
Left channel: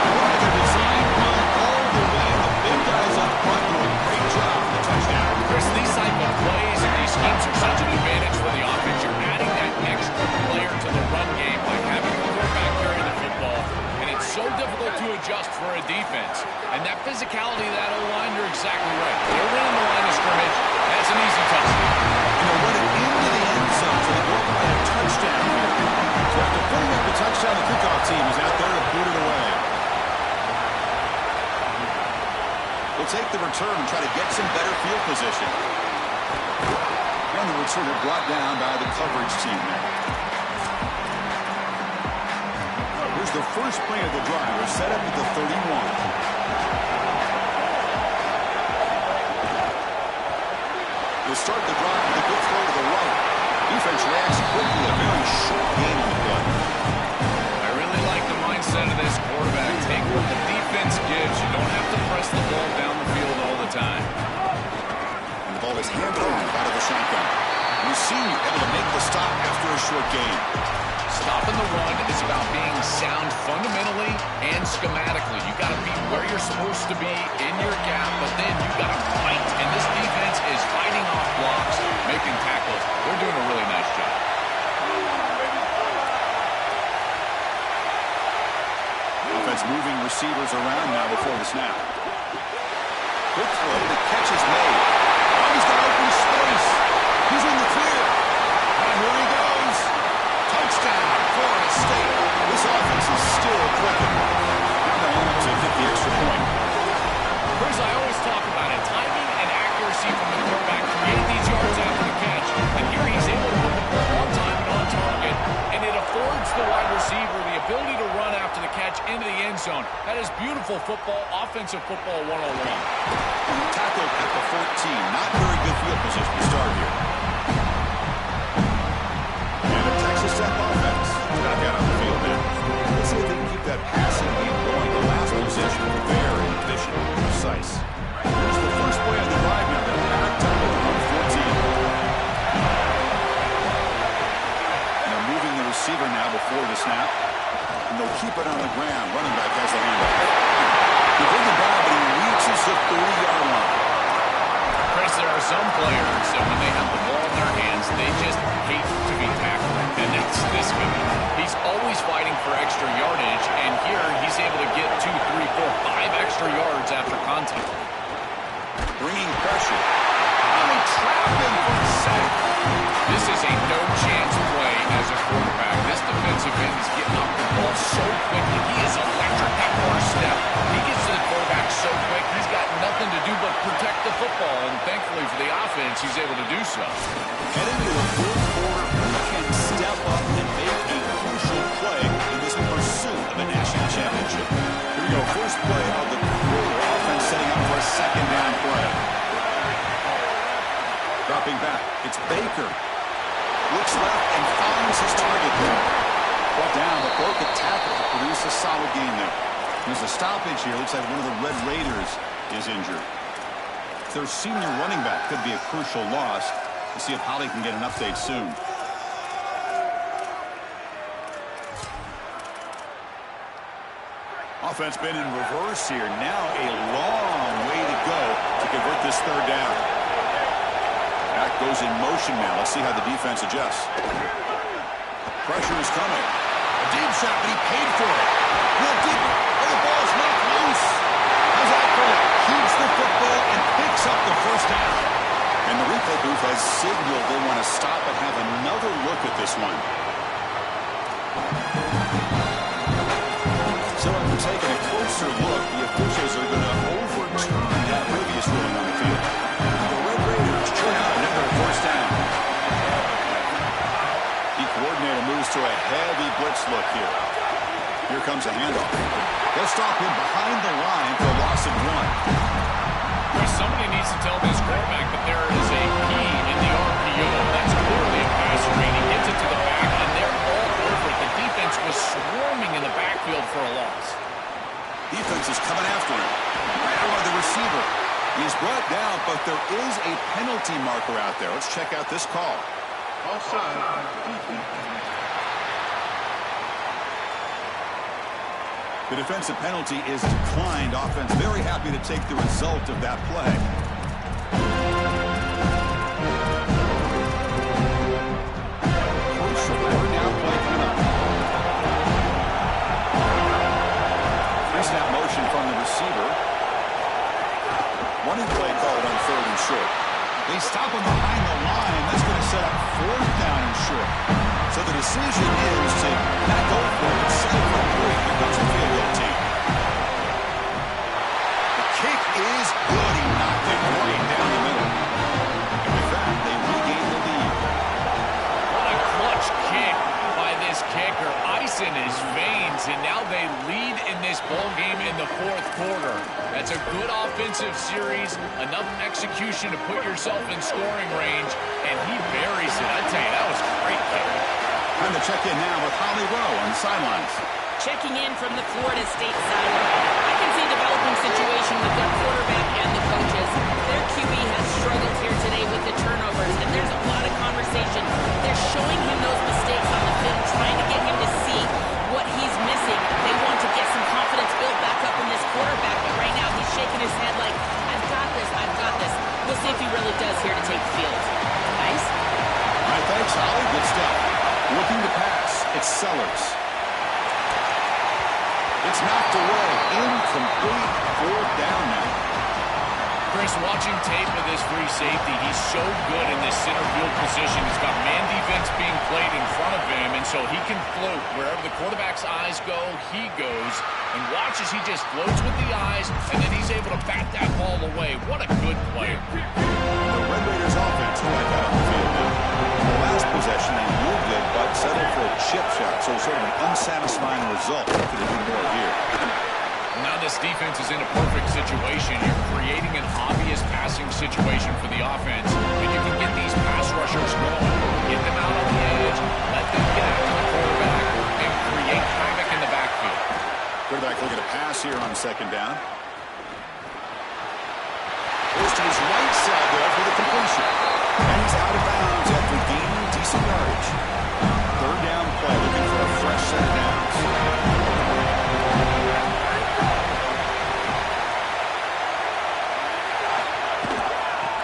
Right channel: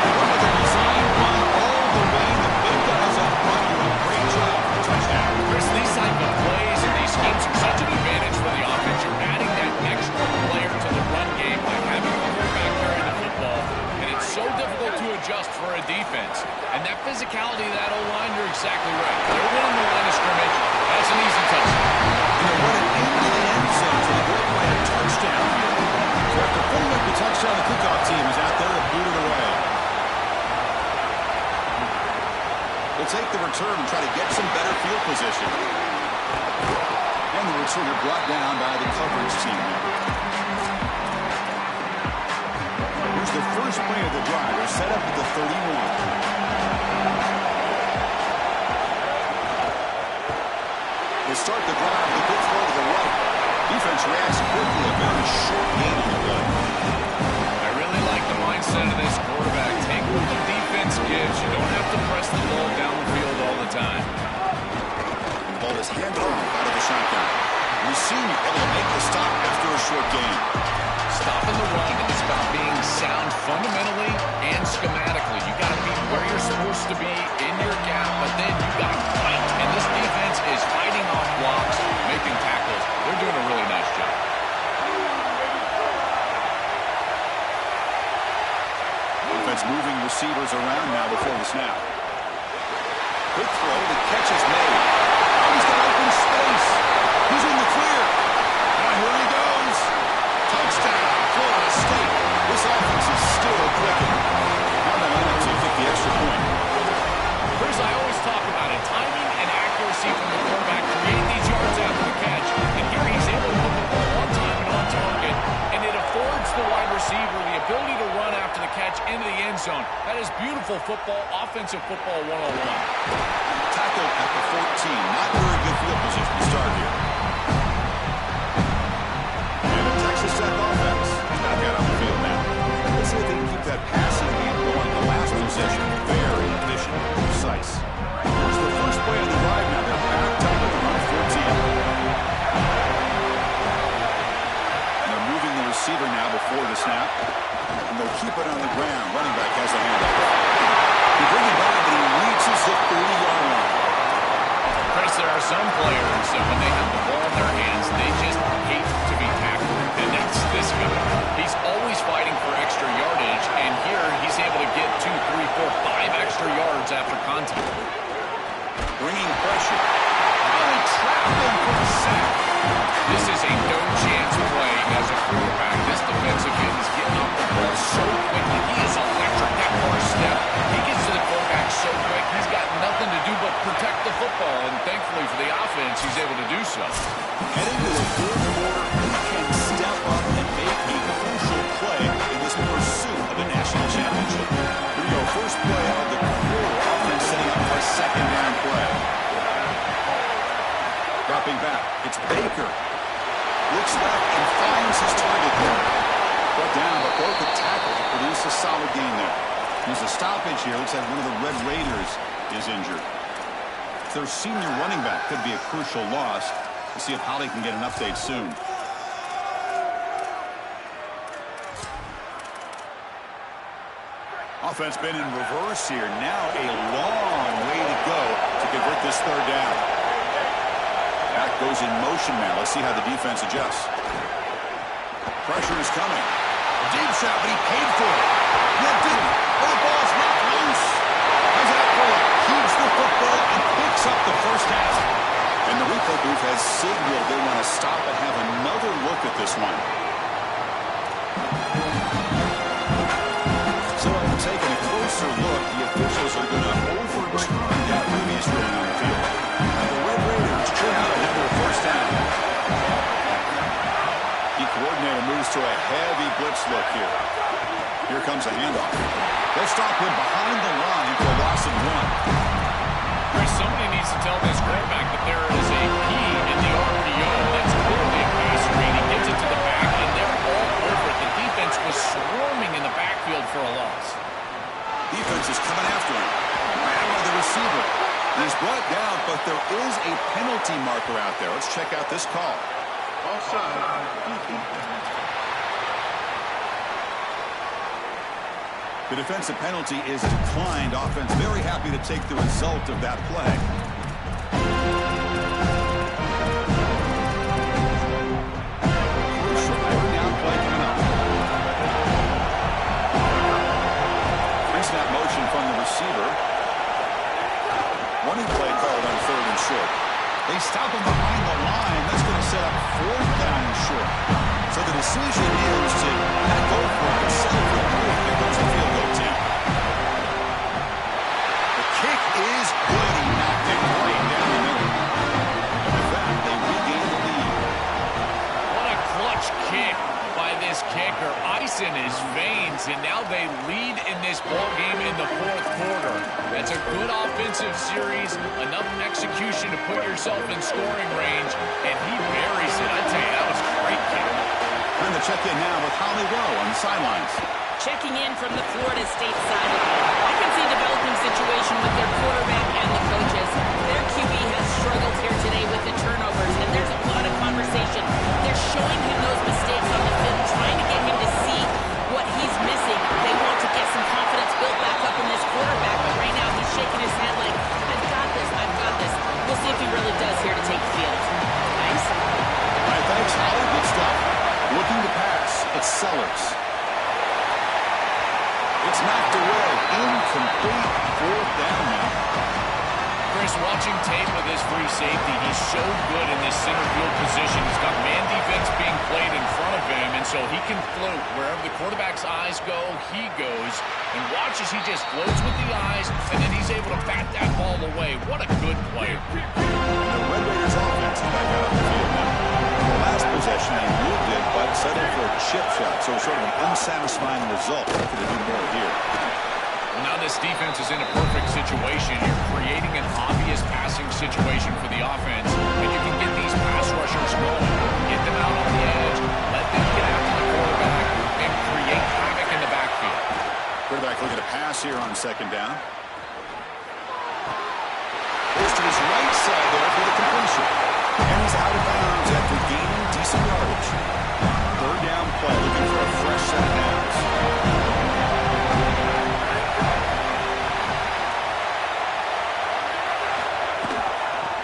Look at the design run all the way. The big guys up front do a great job for the touchdown. Chris, these type of plays and these schemes are such an advantage for the offense. You're adding that extra player to the run game by having the quarterback carry the football, and it's so difficult to adjust for a defense. And that physicality of that O-line, you're exactly right. They're winning the line of scrimmage. That's an easy touchdown. And they're running into the end zone, so they go up by a touchdown here. So after putting up the touchdown, the kickoff team is out there to boot it away. They'll take the return and try to get some better field position. And the returner brought down by the coverage team there. Here's the first play of the drive. They're set up at the 31. They start the drive with a good throw to the right. Defense reacts quickly. A very short gain on the play. I really like the mindset of this quarterback. Take what the defense gives. You don't have to press the ball down the field all the time. And the ball is handed off out of the shotgun. We've seen you able to make the stop after a short gain. Stopping the run is about being sound fundamentally and schematically. You got to be where you're supposed to be in your gap, but then you got to fight. And this defense is fighting off blocks, making tackles. They're doing a really nice job. Offense moving receivers around now before the snap. Quick throw. The catch is made. Oh, he's got open space. He's in the clear. Now here he goes. Touchdown, Florida State. This offense is still clicking. Now they line up to get the extra point. Chris, I always talk about it. Timing and accuracy from the quarterback create these yards after the catch. And here he's able to put the ball on time and on target. And it affords the wide receiver the ability to run after the catch into the end zone. That is beautiful football, offensive football 101. Tackled at the 14. Not very good field position to start here. And the Texas Tech offense is back out on the field now. Let's see if they can keep that passing game going. The last possession, very efficient and precise. Here's the first play on the drive now. They're backed up at their own 14. And they're moving the receiver now before the snap. And they'll keep it on the ground. Running back has the handoff. They bring him down, but he reaches the 30-yard line. Chris, there are some players that when they have the ball in their hands, they just hate to be tackled. And that's this guy. He's always fighting for extra yardage, and here he's able to get 2, 3, 4, 5 extra yards after contact. Bringing pressure. Oh, they trap him for a sack. This is a no-chance play as a quarterback. This defensive end is getting off the ball so quickly. He is electric. That first step, he gets to the quarterback so quick, he's got nothing to do but protect the football. And thankfully for the offense, he's able to do so. Heading to the fourth quarter, he can step up and make a crucial play in this pursuit of a national championship. Here we go, first play of the quarter. Offense setting up for a second down play. Dropping back, it's Baker. Looks left and finds his target there. Brought down, but broke a tackle to produce a solid gain there. There's a stoppage here. Looks like one of the Red Raiders is injured. Their senior running back could be a crucial loss. We'll see if Holly can get an update soon. Offense been in reverse here. Now a long way to go to convert this third down. Back goes in motion now. Let's see how the defense adjusts. Pressure is coming. A deep shot, but he paid for it. No, didn't. Oh, the ball's knocked loose. How's that for you? Keeps the football and picks up the first down. And the replay booth has signaled they want to stop and have another look at this one. So after taking a closer look, the officials are going to overturn that previous ruling on the field. The Red Raiders churn out another first down. The coordinator moves to a heavy blitz look here. Here comes a handoff. They'll stop him behind the line for a loss of 1. Chris, somebody needs to tell this quarterback that there is a P in the RPO. That's clearly a pass read. He gets it to the back, and they're all over it. The defense was swarming in the backfield for a loss. Defense is coming after him. Grabbed by the receiver. He's brought down, but there is a penalty marker out there. Let's check out this call. Offside. The defensive penalty is declined. Offense very happy to take the result of that play. Crucial third down play coming up. Three-snap motion from the receiver. Running play called on third and short. They stop him behind the line. That's going to set up fourth down and short. So the decision is to not go for it, but settle for 3. Here comes the field goal team. The kick is good. He knocked it right down the middle. And with that, they regain the lead. What a clutch kick by this kicker. Ice in his veins, and now they lead in this ball game in the fourth quarter. That's a good offensive series, enough execution to put yourself in scoring range, and he buries it. I tell you, that was a great kick. Time to check in now with Holly Rowe on the sidelines. Checking in from the Florida State sideline. I can see a developing situation with their quarterback and the coaches. Their QB has struggled here today with the turnovers, and there's a lot of conversation. They're showing him those mistakes on the film, trying to get him to see what he's missing. They want to get some confidence built back up in this quarterback, but right now he's shaking his head like, I've got this, I've got this. We'll see if he really does here to take the field. Nice? All right, thanks, Holly. Good stuff. Looking to pass. It's Sellers. It's knocked away. Incomplete. Fourth down now. Chris, watching tape of this free safety, he's so good in this center field position. He's got man defense being played in front of him, and so he can float. Wherever the quarterback's eyes go, he goes. And watch as he just floats with the eyes, and then he's able to bat that ball away. What a good player. The Red Raiders offense is back out on the field now. The last possession, they moved it, but settled for a chip shot. So sort of an unsatisfying result. Looking to do more here. Well, now this defense is in a perfect situation. You're creating an obvious passing situation for the offense, and you can get these pass rushers going. Get them out on the edge, let them get after the quarterback, and create havoc in the backfield. Quarterback looking to pass here on second down. Goes to his right side there for the completion. And he's out of bounds after gaining decent yardage. Third down play, looking for a fresh set of downs.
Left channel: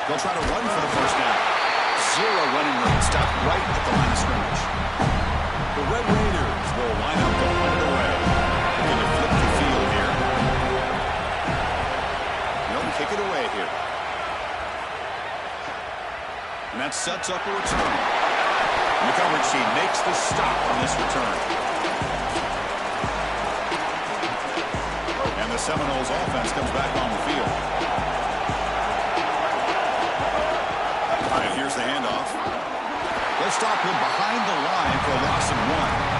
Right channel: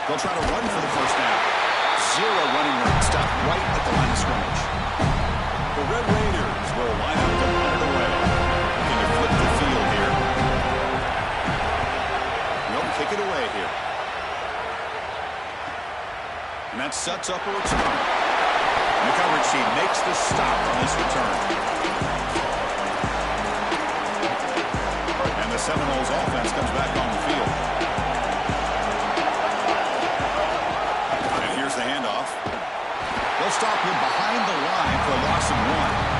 They'll try to run for the first down. 0 running room. Stopped right at the line of scrimmage. The Red Raiders will line up to punt it away. Looking to flip the field here. They'll kick it away here. And that sets up a return. And the coverage team makes the stop on this return. And the Seminoles offense comes back on the field. And here's the handoff. They'll stop him behind the line for a loss of 1.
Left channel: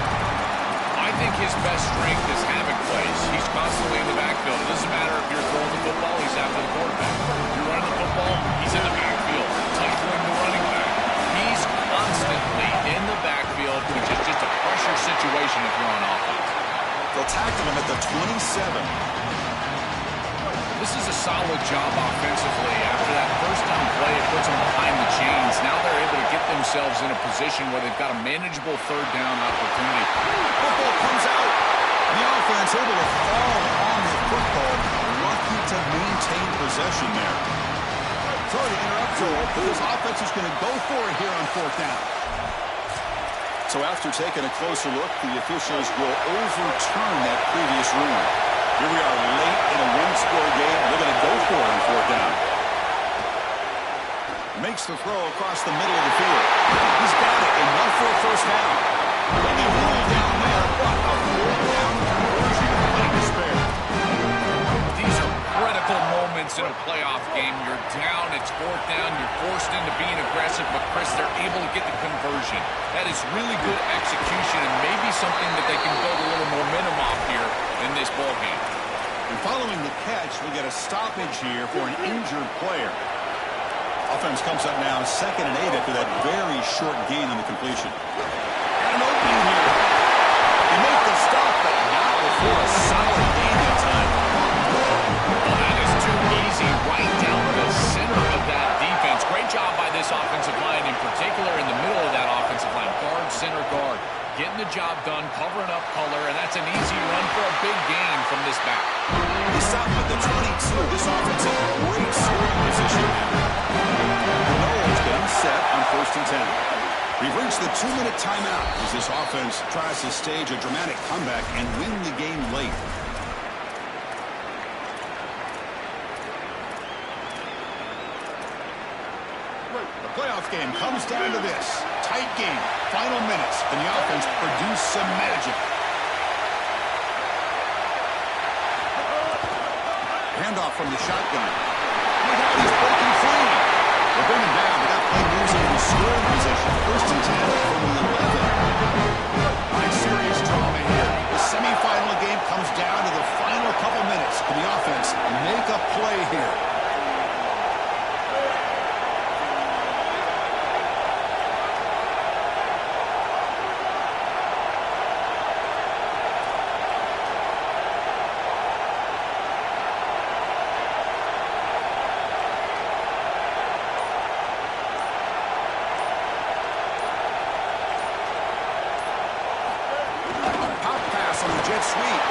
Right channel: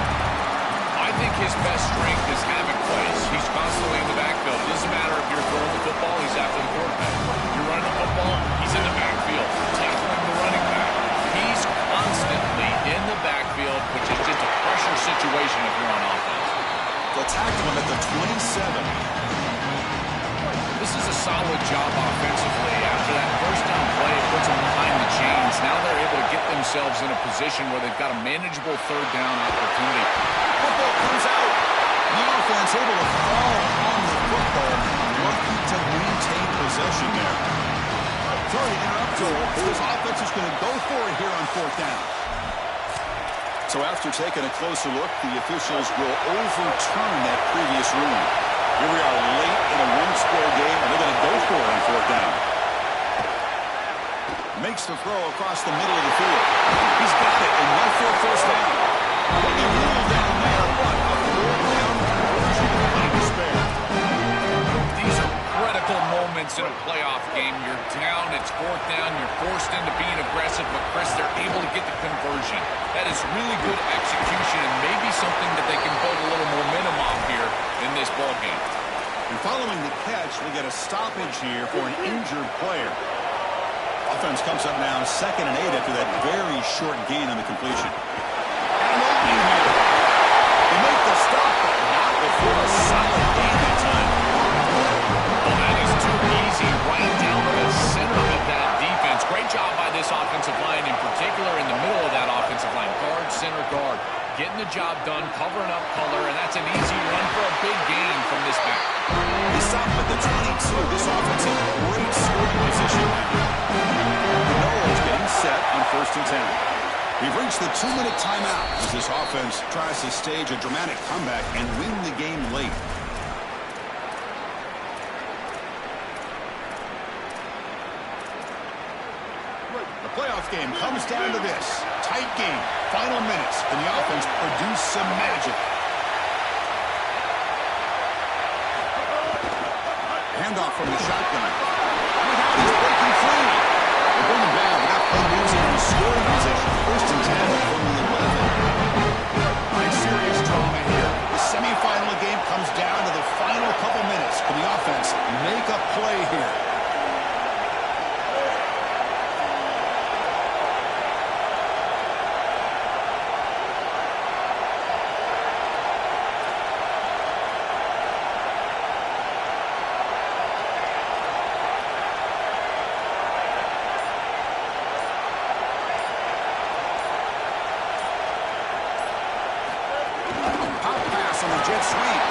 I think his best strength is having plays. He's constantly in the backfield. It doesn't matter if you're throwing the football, he's after the quarterback. If you're running the football, he's in the backfield, tackling the running back. He's constantly in the backfield, which is just a pressure situation if you're on offense. They'll tackle him at the 27. This is a solid job offensively. After that first down play, it puts them behind the chains. Now they're able to get themselves in a position where they've got a manageable third down opportunity. Football comes out. The offense able to fall on the football. Lucky to maintain possession there. Sorry to interrupt, Joel, but this offense is going to go for it here on 4th down. So after taking a closer look, the officials will overturn that previous ruling. Here we are late in a one-score game, and they're going to go for it on 4th down. Makes the throw across the middle of the field. He's got it, enough for a first down. They'll be ruled down there, but a 4th down conversion with money to spare. These are critical moments in a playoff game. You're down, it's 4th down, you're forced into being aggressive, but Chris, they're able to get the conversion. That is really good execution and maybe something that they can build a little momentum off here in this ball game. And following the catch, we get a stoppage here for an injured player. Offense comes up now 2nd and 8 after that very short gain on the completion. And an opening here. They make the stop, but not before a solid gain that time. Well, that is too easy right down the center of that defense. Great job by this offensive line, in particular in the middle of that offensive line. Guard, center, guard. Getting the job done, covering up color, and that's an easy run for a big gain from this back. They stop at the 22. This offense in great scoring position. The Noles getting set on 1st and 10. We've reached the 2-minute timeout as this offense tries to stage a dramatic comeback and win the game late. The playoff game comes down to this. Tight game, final minutes, and the offense produced some magic. Handoff from the shotgun. Look out, he's breaking free. They bring him down, but that play moves him in scoring position. 1st and 10 from the 11. Nice serious drama here. The semifinal game comes down to the final couple minutes. Can the offense make a play here? On the jet sweep.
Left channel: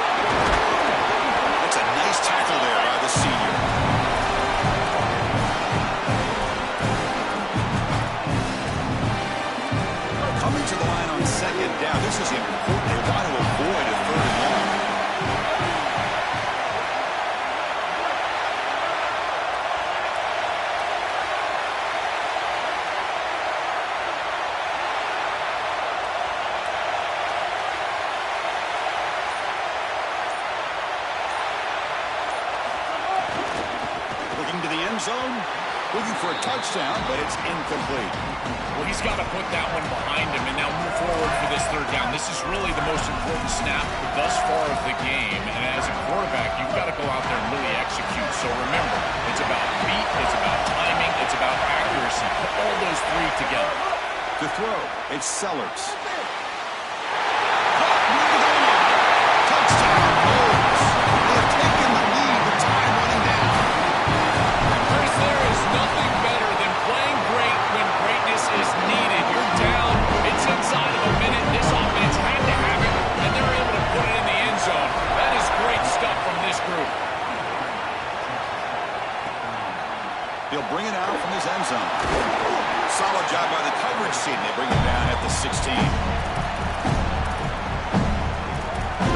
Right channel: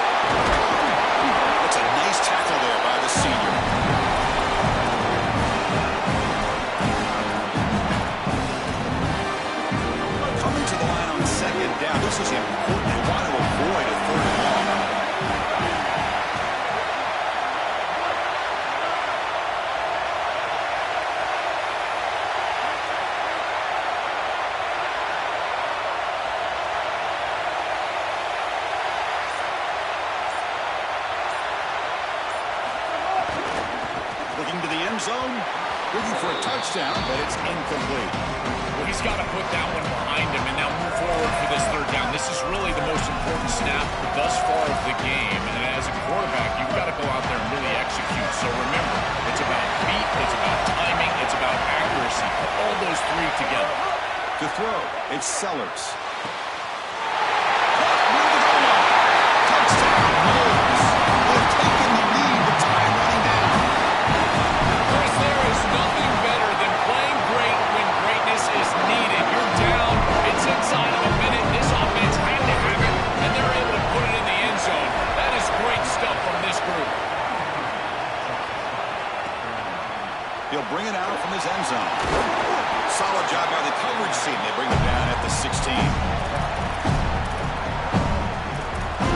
That's a nice tackle there by the senior. Coming to the line on 2nd down. This is important. They want to avoid a 3rd and long. To the end zone, looking for a touchdown, but it's incomplete. Well, he's got to put that one behind him and now move forward for this 3rd down. This is really the most important snap thus far of the game, and as a quarterback, you've got to go out there and really execute. So remember, it's about beat, it's about timing, it's about accuracy. Put all those 3 together. To throw, it's Sellers. Caught near the goal line. Touchdown, Noles. They have taken the lead with time running down. There is nothing better than playing great when greatness is needed. You're down. It's inside of a minute. This offense had to have it, and they're able to put it in the end zone. That is great stuff from this group. He'll bring it out from his end zone. Solid job by the coverage team. They bring him down at the 16.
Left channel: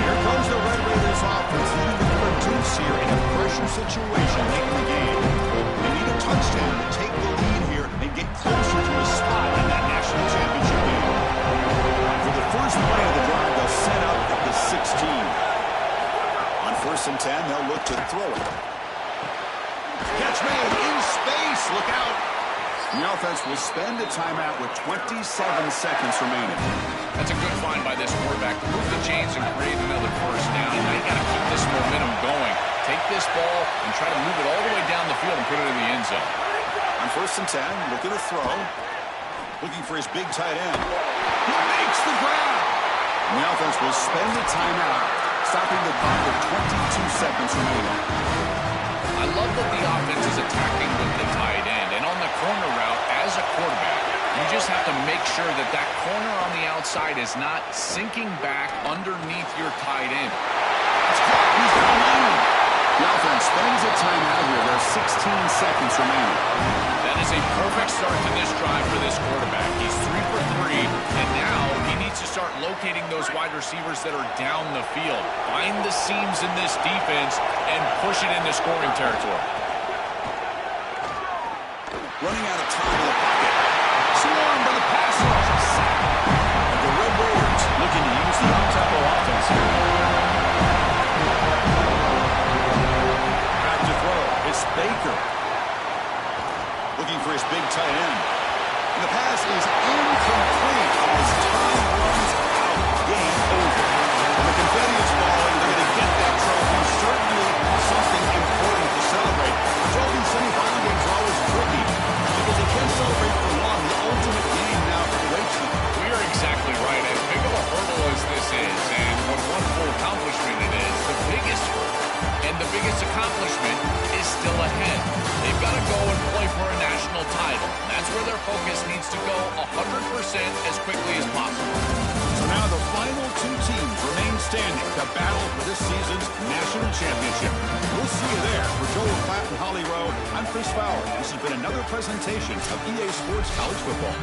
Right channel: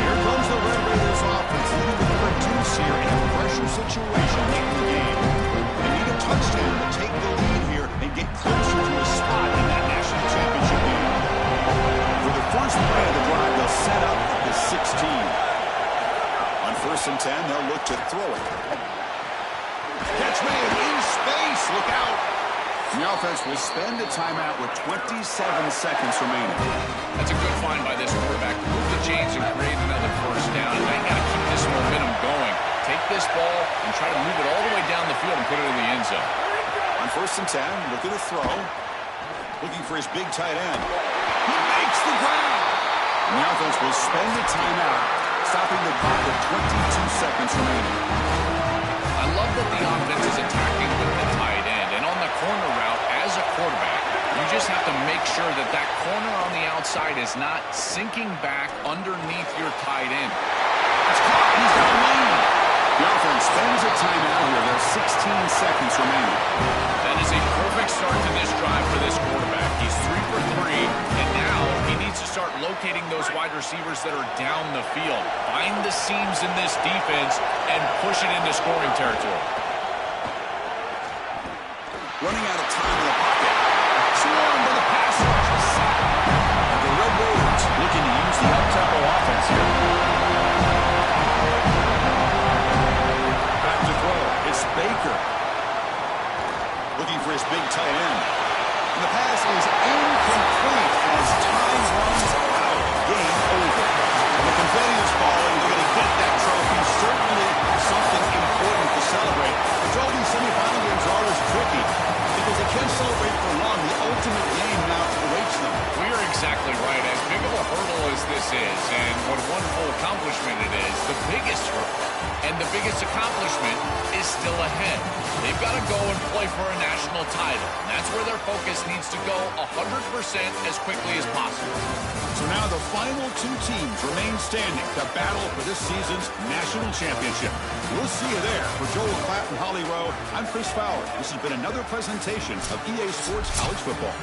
Here comes the Red Raiders offense, needing to produce here in a pressure situation late in the game. They need a touchdown to take the lead here and and get closer to a spot in that national championship game. For the first play of the drive, they'll set up at the 16. On 1st and 10, they'll look to throw it. Catch made in space. Look out. The offense will spend a timeout with 27 seconds remaining. That's a good find by this quarterback to move the chains and create another first down. And now you got to keep this momentum going. Take this ball and try to move it all the way down the field and put it in the end zone. On 1st and 10, look at the throw. Looking for his big tight end. He makes the grab. And the offense will spend a timeout, stopping the clock with 22 seconds remaining. I love that the offense is attacking with the tight end. And on the corner route, as a quarterback, you just have to make sure that that corner on the outside is not sinking back underneath your tight end. It's caught. He's down lane. The offense spends a timeout here. There's 16 seconds remaining. That is a perfect start to this drive for this quarterback. He's 3 for 3, and now he needs to start locating those wide receivers that are down the field. Find the seams in this defense and push it into scoring territory. Running out of time in the pocket. Swarmed by the pass rush. A sack. And the Red Raiders looking to use the up-tempo offense here. Back to throw. It's Baker. Looking for his big tight end. And the pass is incomplete as time runs out. Game over. And the confetti is falling. They're going to get that trophy. Certainly something important to celebrate. But Joel, these semifinal games are always tricky because they can't celebrate for long. The ultimate game now awaits them. We are exactly right. As big of a hurdle as this is, and what a wonderful accomplishment it is, the biggest hurdle and the biggest accomplishment is still ahead. They've got to go and play for a national title. And that's where their focus needs to go 100% as quickly as possible. So now the final 2 teams remain standing to battle for this season's national championship. We'll see you there. For Joel Klatt and Holly Rowe, I'm Chris Fowler. This has been another presentation of EA Sports College Football.